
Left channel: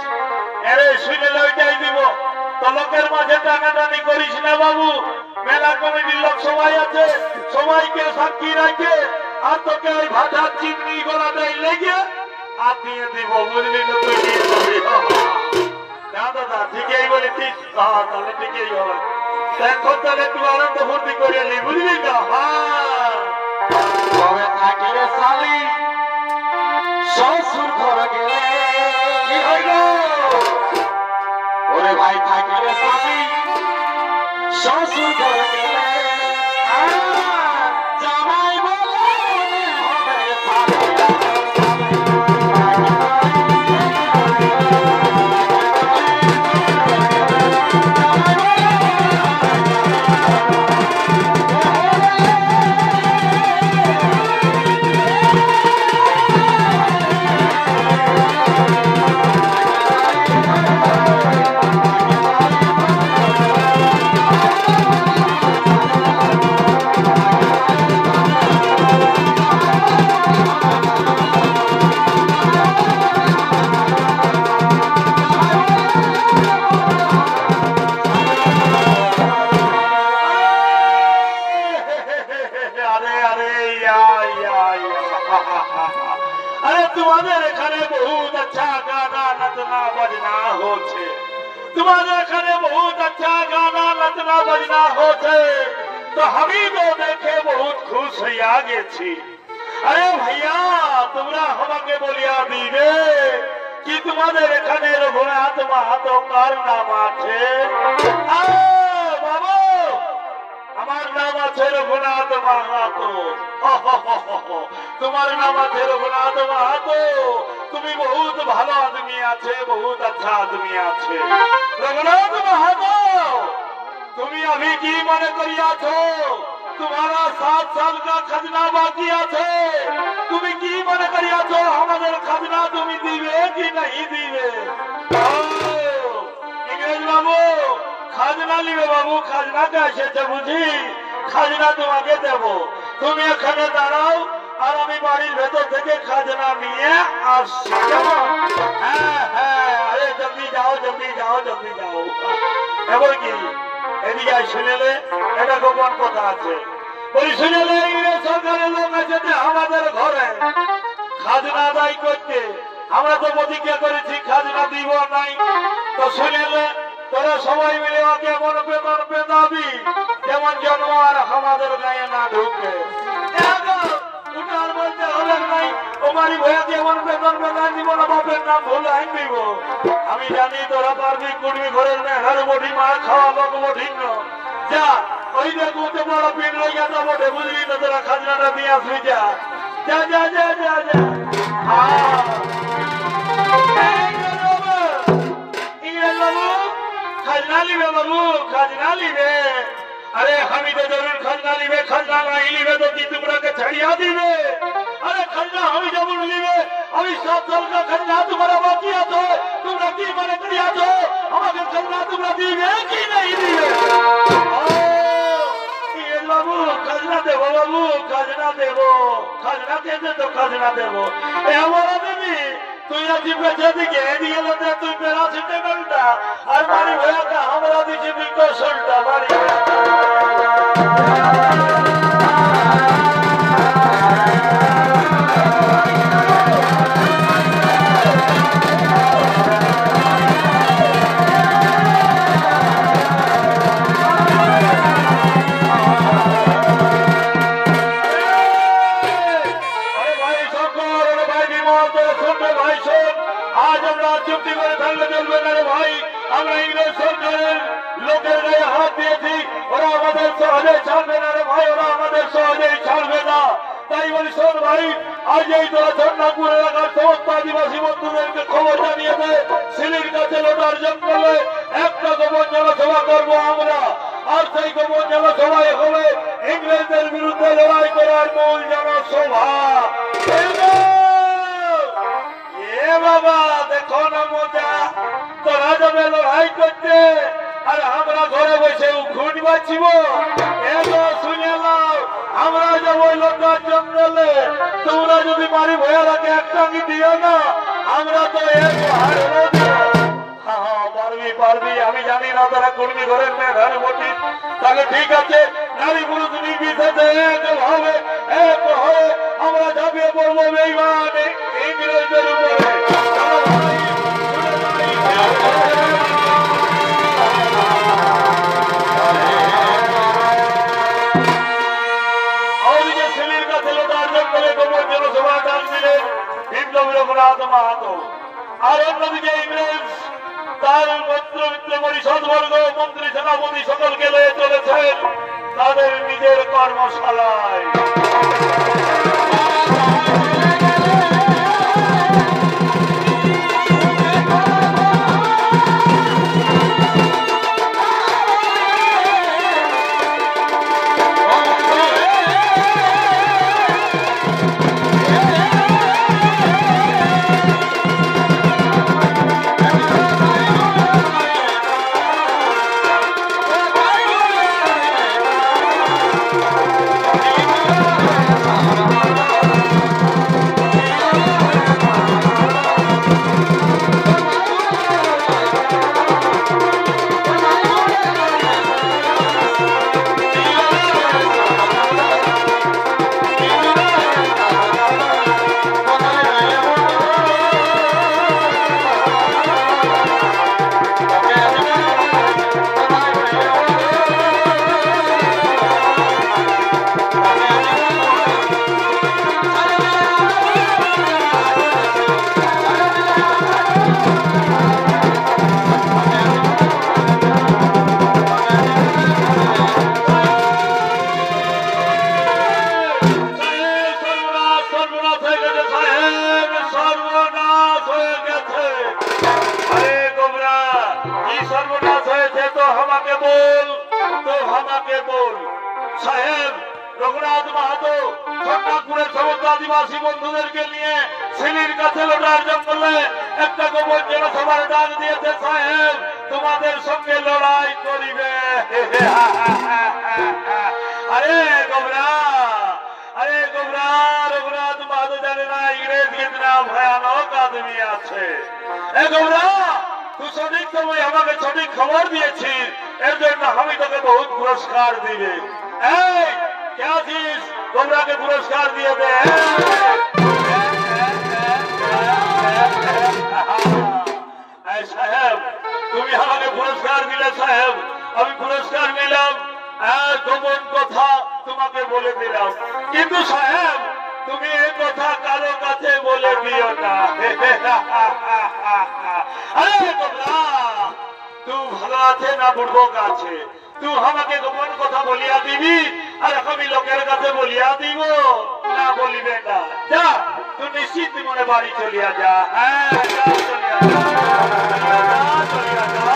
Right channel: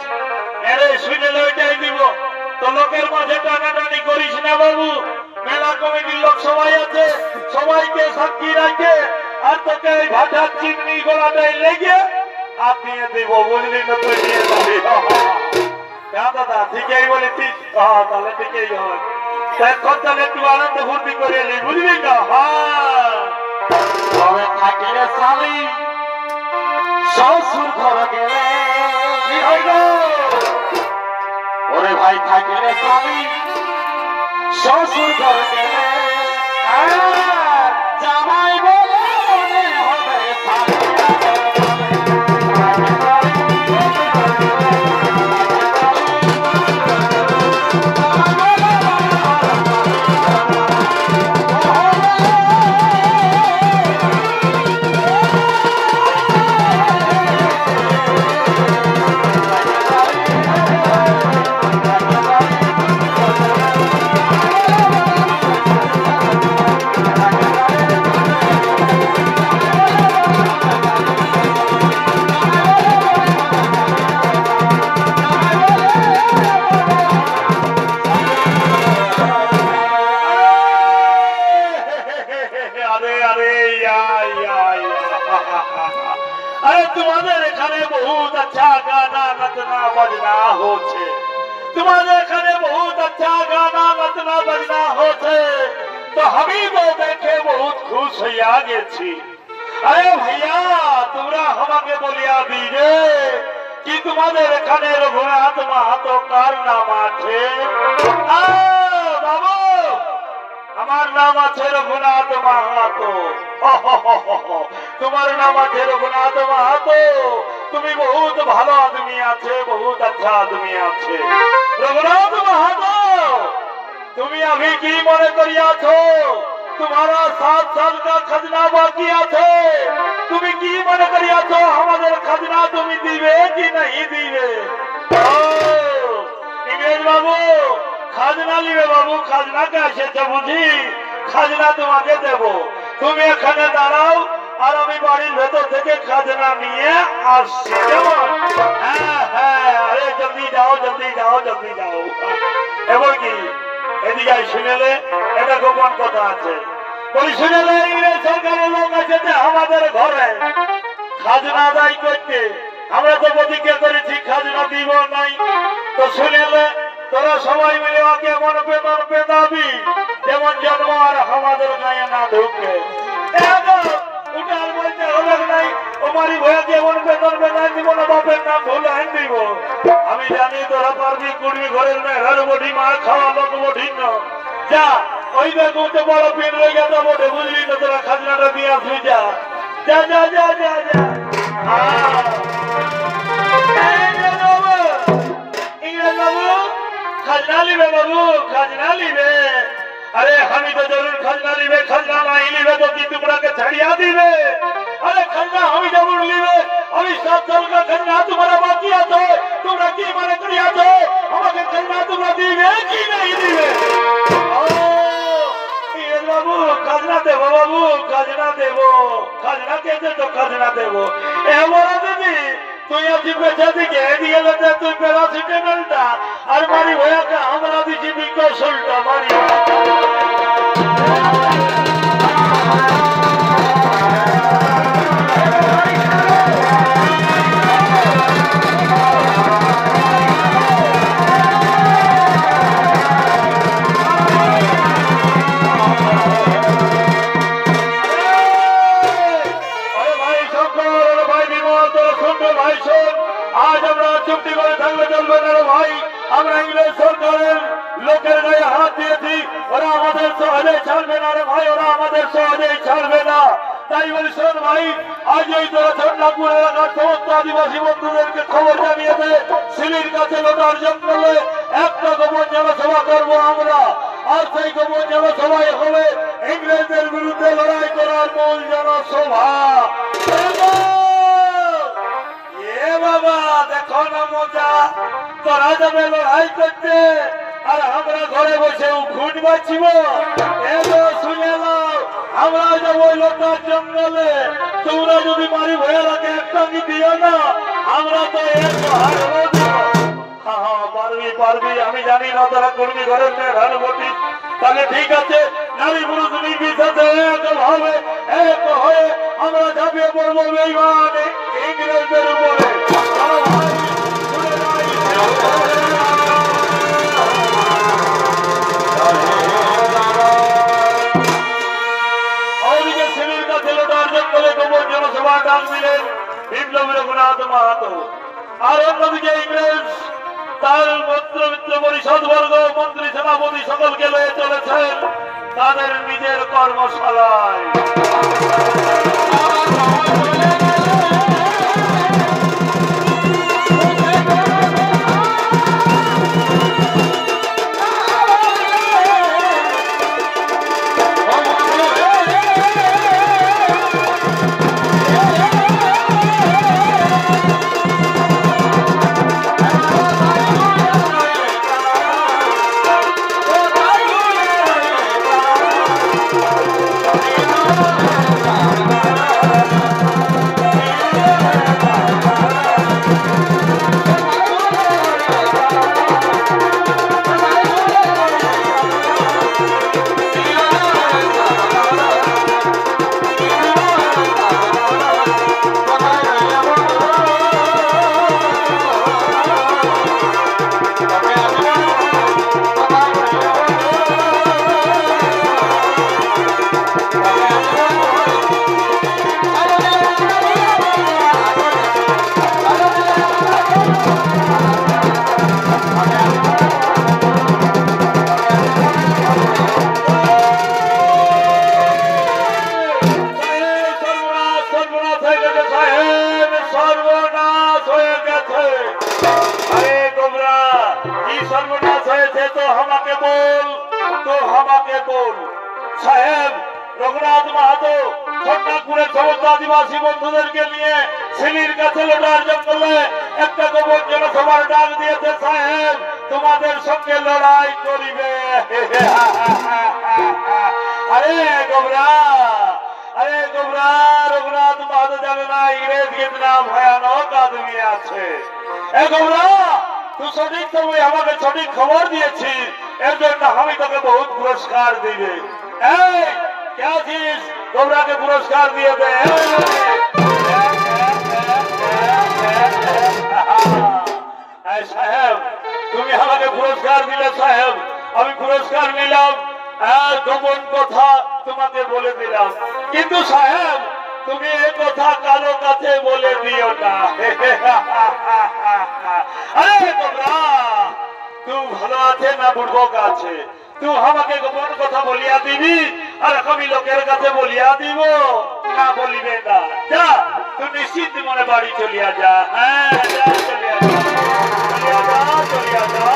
আরে শুনে ওইটাই দিব তো লোকের মাঝে টানাটানি করিস না বাবু। মেলা কমিটির লোক সবাই আছে সবাইকে সাক্ষী রাখে আর তোকে ওই ভাষার চিংড়ি গলাটাই লেগে আর দিয়ে দিব বুঝলি না? তুই দিয়ে যাবি দাদা ঠিকই বলেছিস। তাহলে ঠিকই হবে এখন তাহলে একটু আনন্দ ফুর্তি করে নি বুঝলি না? তবে থাকিলে স্বামী শ্বশুর ঘরে গেলে কি হইল ওরে ভাই থাকলে স্বামী শ্বশুর ঘর গেলে জামাই বলে মনে হবে तुम्हारे एखाने बहुत अच्छा गाना नचना बजना होछे तुम्हारे एखाने बहुत अच्छा गाना नचना बजना होछे तो हमी तो देखे बहुत खुश হইয়া গেছি अरे भैया তোমরা আমাকে বলিয়া দিবে কি তোমাদের এখানে রঘুনাথ মাহাতো কার নাম আছে বাবু আমার নাম আছে রঘুনাথ মাহাতো তোমার নাম আছে রঘুনাথ মাহাতো তুমি বহুত ভালো আদমি আছে বহুত अच्छा आदमी আছে রঘুনাথ মাহাতো তুমি अभी কি মনে করিয়াছো तुम्हारा 7 साल का खजना बाकी আছে তুমি কি মনে করিয়াছো আমাদের खजना তুমি দিবে কি नहीं দিবে इंग्रेज बाबू খাজনা নিবে বাবু খাজনা কে এসেছে বুঝি খাজনা তোমাকে দেব তুমি এখানে দাঁড়াও আর আমি বাড়ির ভেতর থেকে খাজনা নিয়ে আসছি কেমন হ্যাঁ হ্যাঁ আরে জলদি যাও জলদি যাও জলদি যাও এবার কি এদিকে শুনেলে এটা গোপন কথা আছে ওই শুনেলে ইংরেজ সরকারের লোক আছে যে আমাদের ঘরে খাজনা আদায় করতে আমরা তো প্রতিজ্ঞা করেছি খাজনা দিব নাই তো শুনেলে তোরা সবাই মিলে ওকে এমন বেতন পেদাবি যেমন জন্ম আর আমাদের গায়ে না ঢুকে উঠার বলতে হলে নাই ওমারি ভয়াকে এমন বেতন পেদান দিব না বাপের নাম ভুল আইন দিব আমি জানি তোরা পারবি কুড়ি ঘরের মেঘার বটি মা খাওয়া লোক বঠিন যা ওই বেগুতে বড় পিন রয়ে গেল বটে বুঝলি তো তোরা খাজনাটা দিয়ে আসবি যা যা যা যা যা যা খাজনা লিবে বাবু খাজনা লিবে अरे हम तो जरूर खजना लिबे खजना नहीं लिबे तो की तुम्हारा छड़िया दिबे अरे खजना हम जरूर लिबे अभी 7 साल का खजना तुम्हारा बाकी আছে তোমরা কি মনে করিয়াছো আমাকে খजना তোমরা দিবে কি नहीं দিবে ও এই বাবু খजना দেব বাবু খजना দেব খजना কেতে তো খजना দেব এ বড় তুমি তুই আজি বেঁচে দিকে দিয়ে গেছে তুই প্যারাসিটামলটা আর মারি ভয়াকে আমরা দিছি বিকশলটা মারি आज আমরা চুক্তি করে থাকলে চলবে না ভাই আমরা ইংরেজ সরকারের লোকের গায়ে হাত দিয়েছি ওরা আমাদের সহজে ছাড়বে না রে ভাই ওরা আমাদের সহজেই ছাড়বে না তাই বলি শোন ভাই আজ এই তোরা চন্দ্রপুর এলাকার সমস্ত আদিবাসী বন্ধুদেরকে খবর জানিয়ে দেয় সিলির কাছে লোটার জঙ্গলে একটা গোপন জনসভা করবো আমরা আর সেই গোপন জনসভায় হবে ইংরেজদের বিরুদ্ধে লড়াই করার মূল জনসভা বাবা দেখো না মজা তোরা যাবে লড়াই করতে আর আমরা ঘরে বসে খুন বাঁচিব এবার শুনে নাও আমরা যাবো লোটার জঙ্গলে তোমরা যদি মারি ভয়ালাকে একটা দিও না আমরা তো পারবি পারবি আমি জানি না তারা কর্মী ঘরের মেয়ের বটি তাহলে ঠিক আছে নারী পুরুষ নির্বিশেষে এক হবে এক হয়ে আমরা ঝাঁপিয়ে পড়বো বেঈমান ইংরেজদের উপরে ওদিকে সিলির কাছে লোটার জঙ্গলে গোপন জনসভা ডাক দিলেন বিপ্লবী রঘুনাথ মাহাতো আর অন্যদিকে ইংরেজ তার সকল মন্ত্রমিত্র পরিষদ বর্গ মন্ত্রী সেনাপতি সকলকে লয়ে চলেছেন তাদের নিজের কর্মশালায়। रघुनाथ महतो छन्नापुरे समस्त आदिवासी बंधुदेरके निये सिलिर काछे लोटार जंगले एकटा गोपन जनसभार डाक दिएছে साहेब তোমাদের সঙ্গে লড়াই করিবে। अरे गोबरा रघुनाथ महतो जाने ना इंग्रेज कितना भयानक आदमी আছে। ए गोबरा तू सঠিক সময় আমাকে সঠিক খবর দিয়েছিস এর জন্য আমি তোকে बहुत পুরস্কার দিবে। এই क्या चीज गोबरा के पुरस्कार दिए थे साहेब तुम्हें हमारे पुरस्कार दिले साहेब अभी पुरस्कार निलाम गोपन कथा तुम्हें बोले दिलाम किन्तु साहेब তুমি এই কথা কারো কাছে বলে দিও না। আরে গোবরা তুই ভালো আছে না বুড়বক আছে तू हमाके गोपन कथा बोलिया दीबी और कमी लोकेर काছে बोलिया দিব না বলিবে না। যা তুই নিশ্চিত মনে বাড়ি চলিয়া যা। হ্যাঁ যা চলিয়া যা।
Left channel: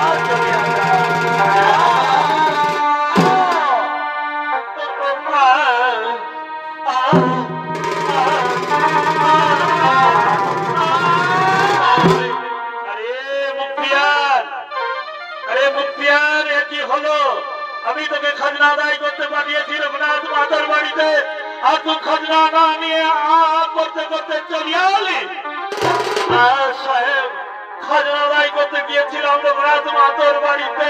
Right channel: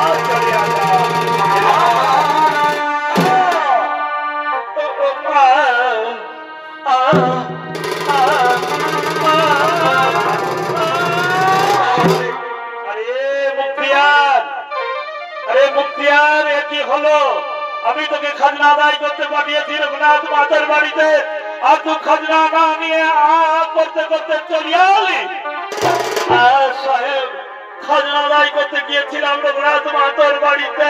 মুক্তিয়ার কি হলো আমি তোকে খাজনা আদায় করতে পাঠিয়েছি রঘুনাথ মাতার বাড়িতে আর তুই খাজনা না নিয়ে করতে করতে চলিয়া এলি। সাহেব খাজনা আদায় করতে গিয়েছিলাম রঘুনাথ মাতার বাড়িতে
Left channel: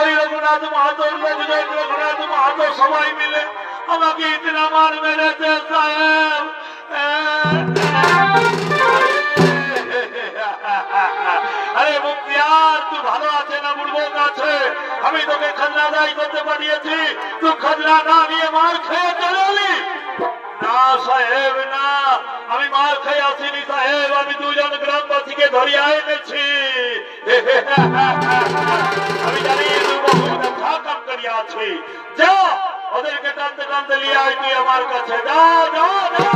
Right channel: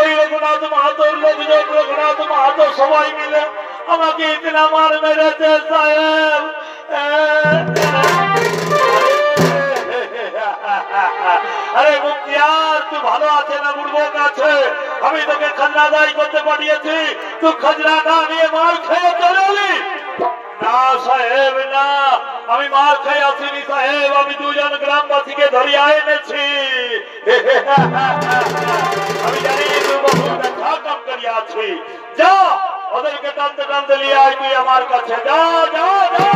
ওই রঘুনাথ মাতার লোকজন রঘুনাথ মাতার সবাই মিলে আমাকে ইতনা মার মেরেছে সাহেব। अरे मुक्तियार तू भालो आछे ना बुड़बक आछे আমি তোকে খাজনা আদায় করতে পাঠিয়েছি তুই খাজনা না নিয়ে মার খেয়ে চলে এলি। না সাহেব না আমি মার খেয়ে আসিনি সাহেব আমি দুজন গ্রামবাসীকে ধরিয়া এনেছি। আমি জানি তুই বহু ব্যথা কাম করিয়া আছি যা ওদেরকে টানতে টানতে নিয়ে আয় তুই আমার কাছে যা যা যা।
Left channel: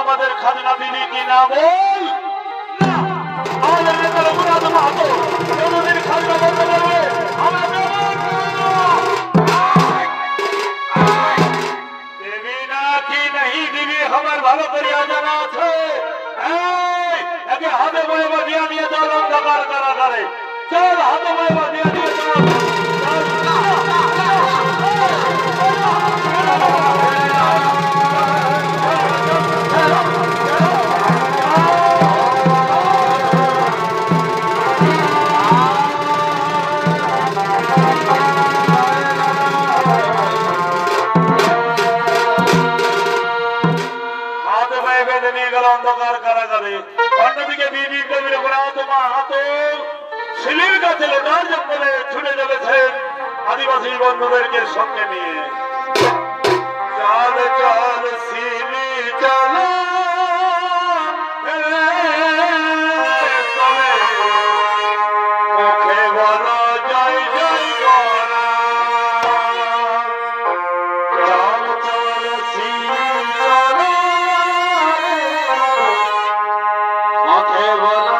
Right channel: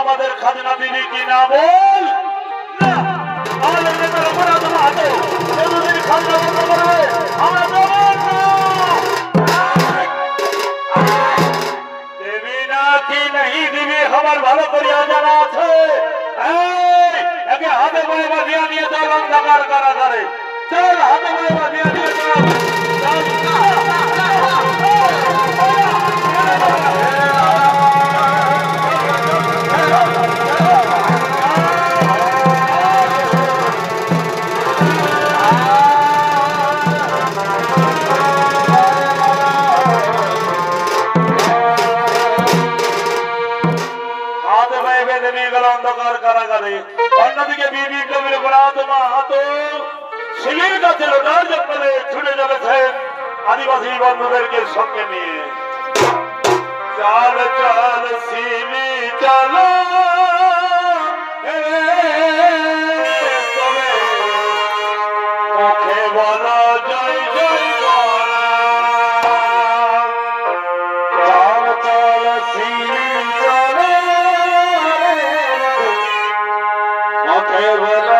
আমাদের খাজনা দিবি কি না বল না আমাদের নেতা রঘুনাথ মাহাতো কোনদিন খাজনা বন্ধ করবে আমরা বলবো দেবী না কি नहीं দিবি আমার ভালো করিয়া জানা আছে। একে হাতে বয়ে বাঁধিয়া নিয়ে চল অন্ধকার কারাগারে চল হাতে বয়ে বাঁধিয়া নিয়ে চল। পারে। অন্যদিকে বিপ্লবীর পরাত্মা হাত শিলির কাছে লোটার জঙ্গলে ছুটে চলেছেন আদিবাসী বন্ধুদেরকে সঙ্গে নিয়ে। চাল চাল শিলি চাল মুখে বলো জয় জয় করা। চাল চাল শিলি চাল মুখে বলো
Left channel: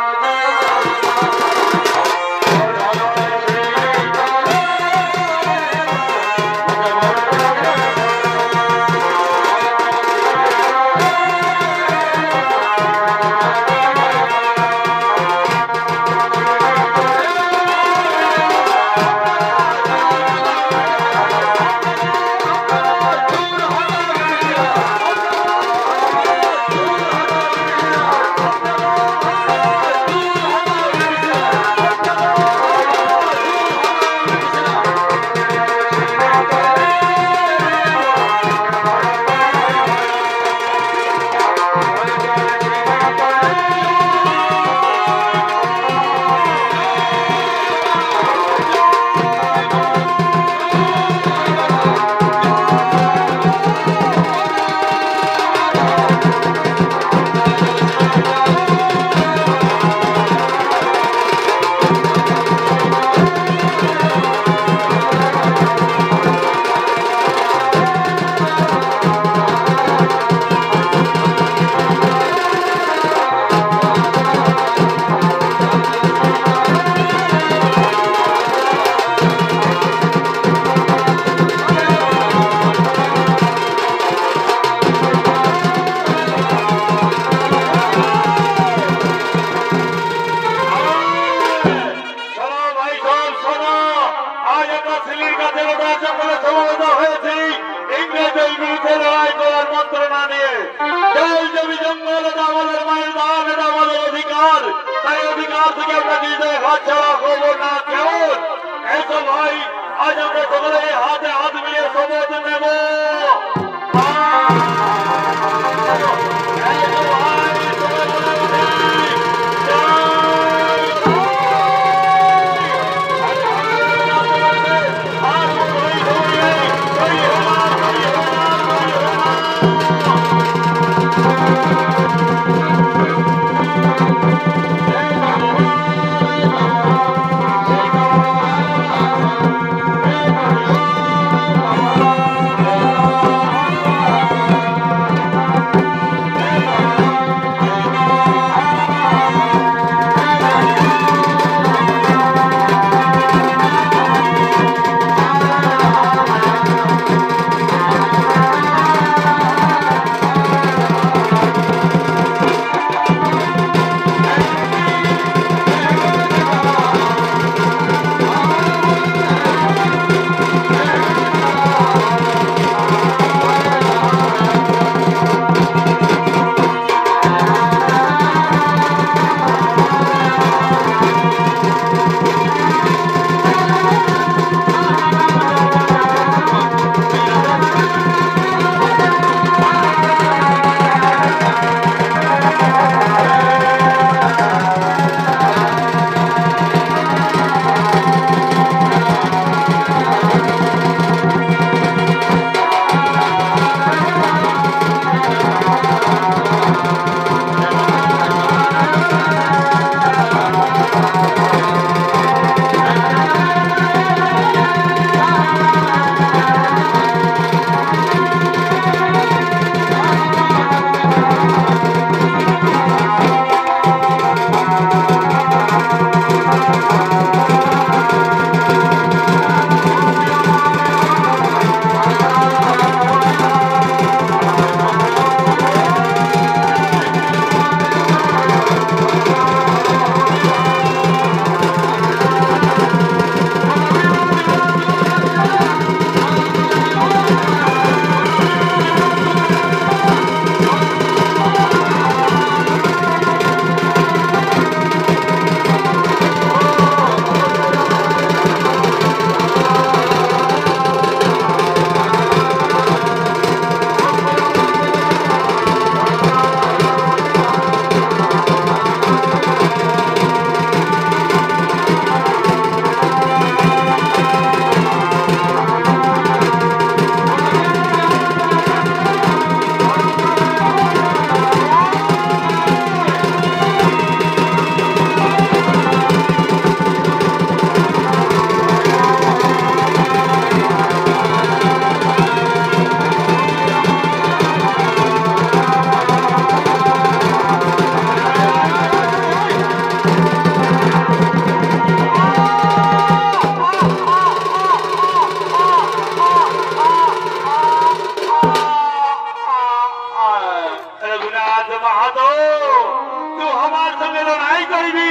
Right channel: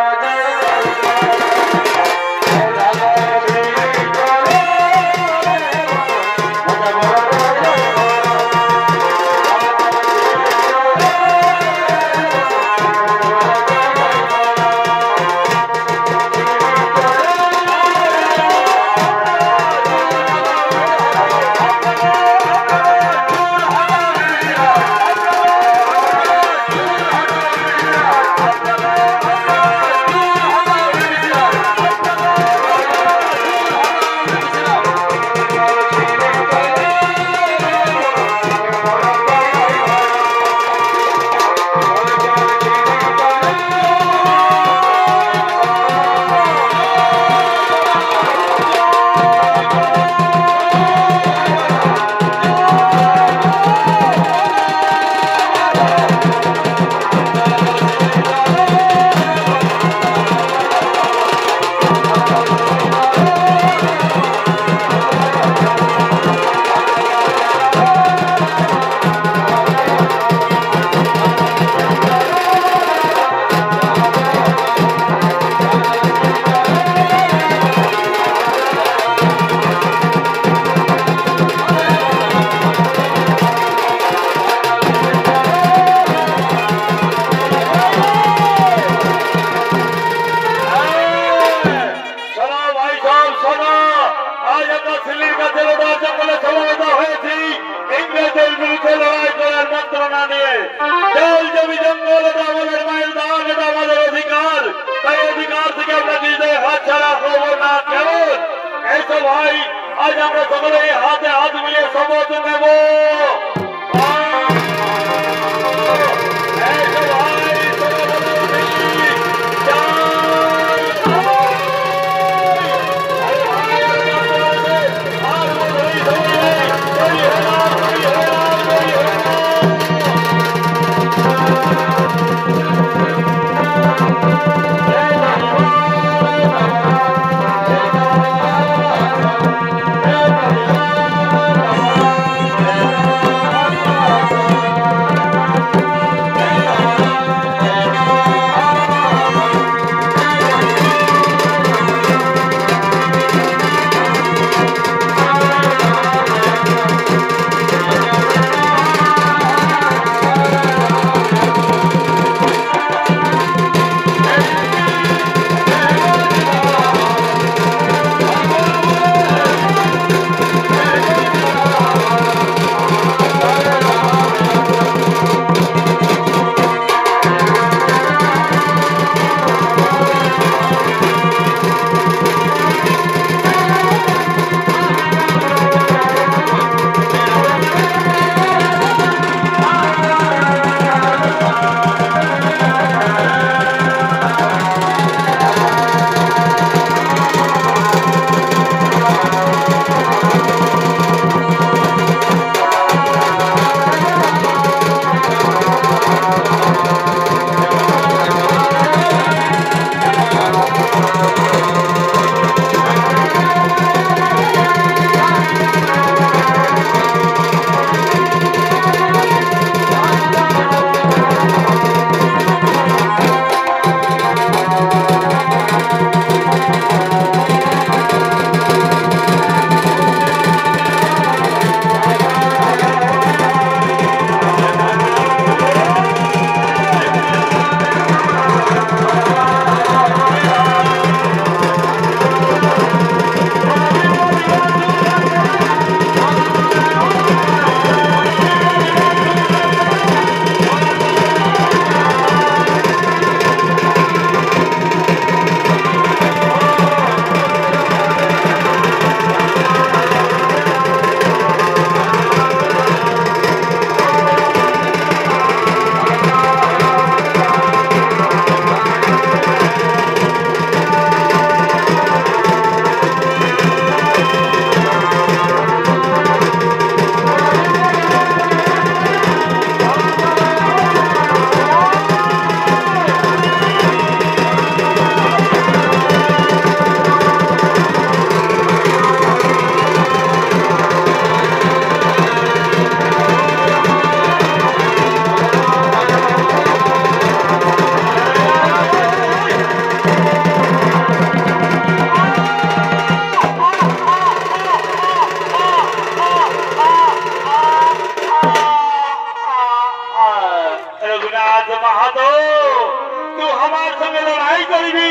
এই করিবি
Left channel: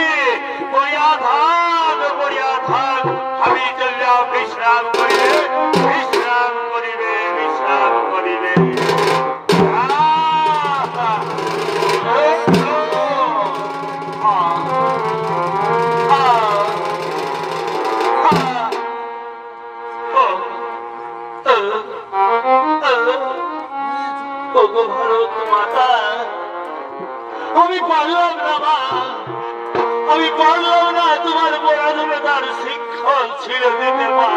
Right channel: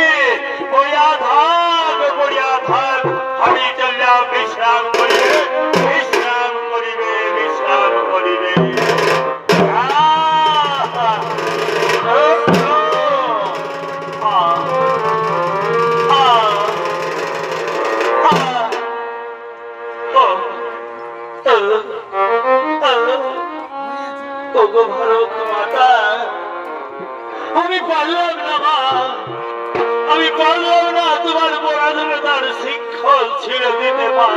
পড়িয়া থাক আমি চললাম বিশ্রাম করিবে বিশ্রাম করিবে বিশ্রাম করিবে ভারত মাতা আমি পারলাম না মা আমি পারলাম না তোমার পরাধীনতার শিক্ষক ছেড়ে দিতে মা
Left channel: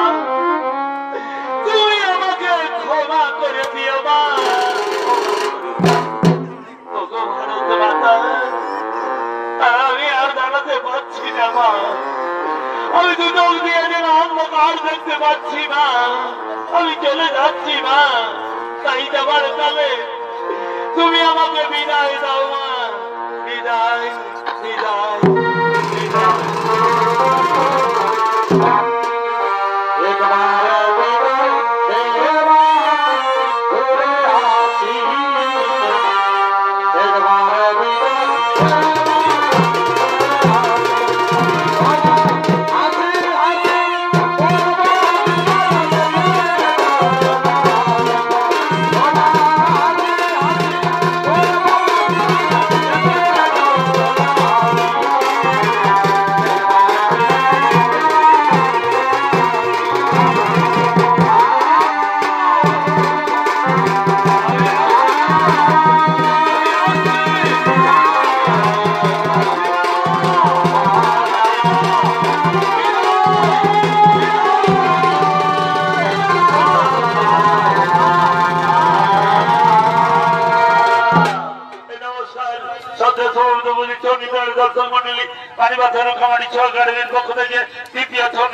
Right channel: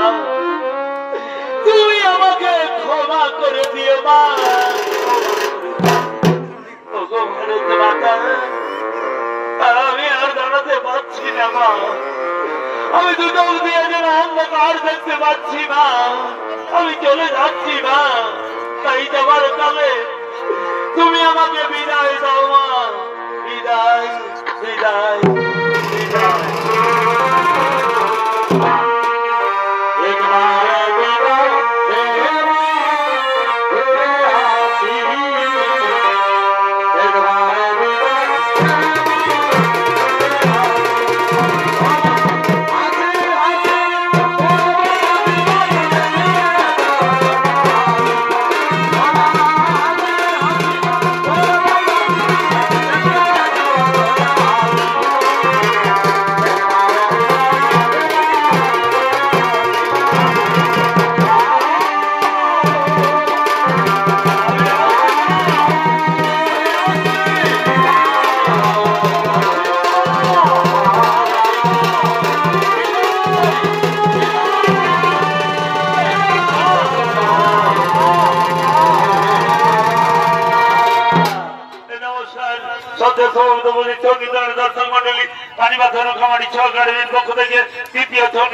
তুমি আমাকে ক্ষমা করে দিও মা ভারত মাতা আমি আর দাঁড়াতে পারছি না মা আমি তো চোখ দিয়ে যেন অন্ধকার দেখতে পাচ্ছি না আমি চলে যাচ্ছি না তাই যাবার কালে তুমি আমাকে বিদায় দাও মা বিদায় বিদায় বিদায় দর্শক মন্ডলী পানিবাদ ধর্ম খামারি সহকারীর পক্ষ থেকে তৃতীয়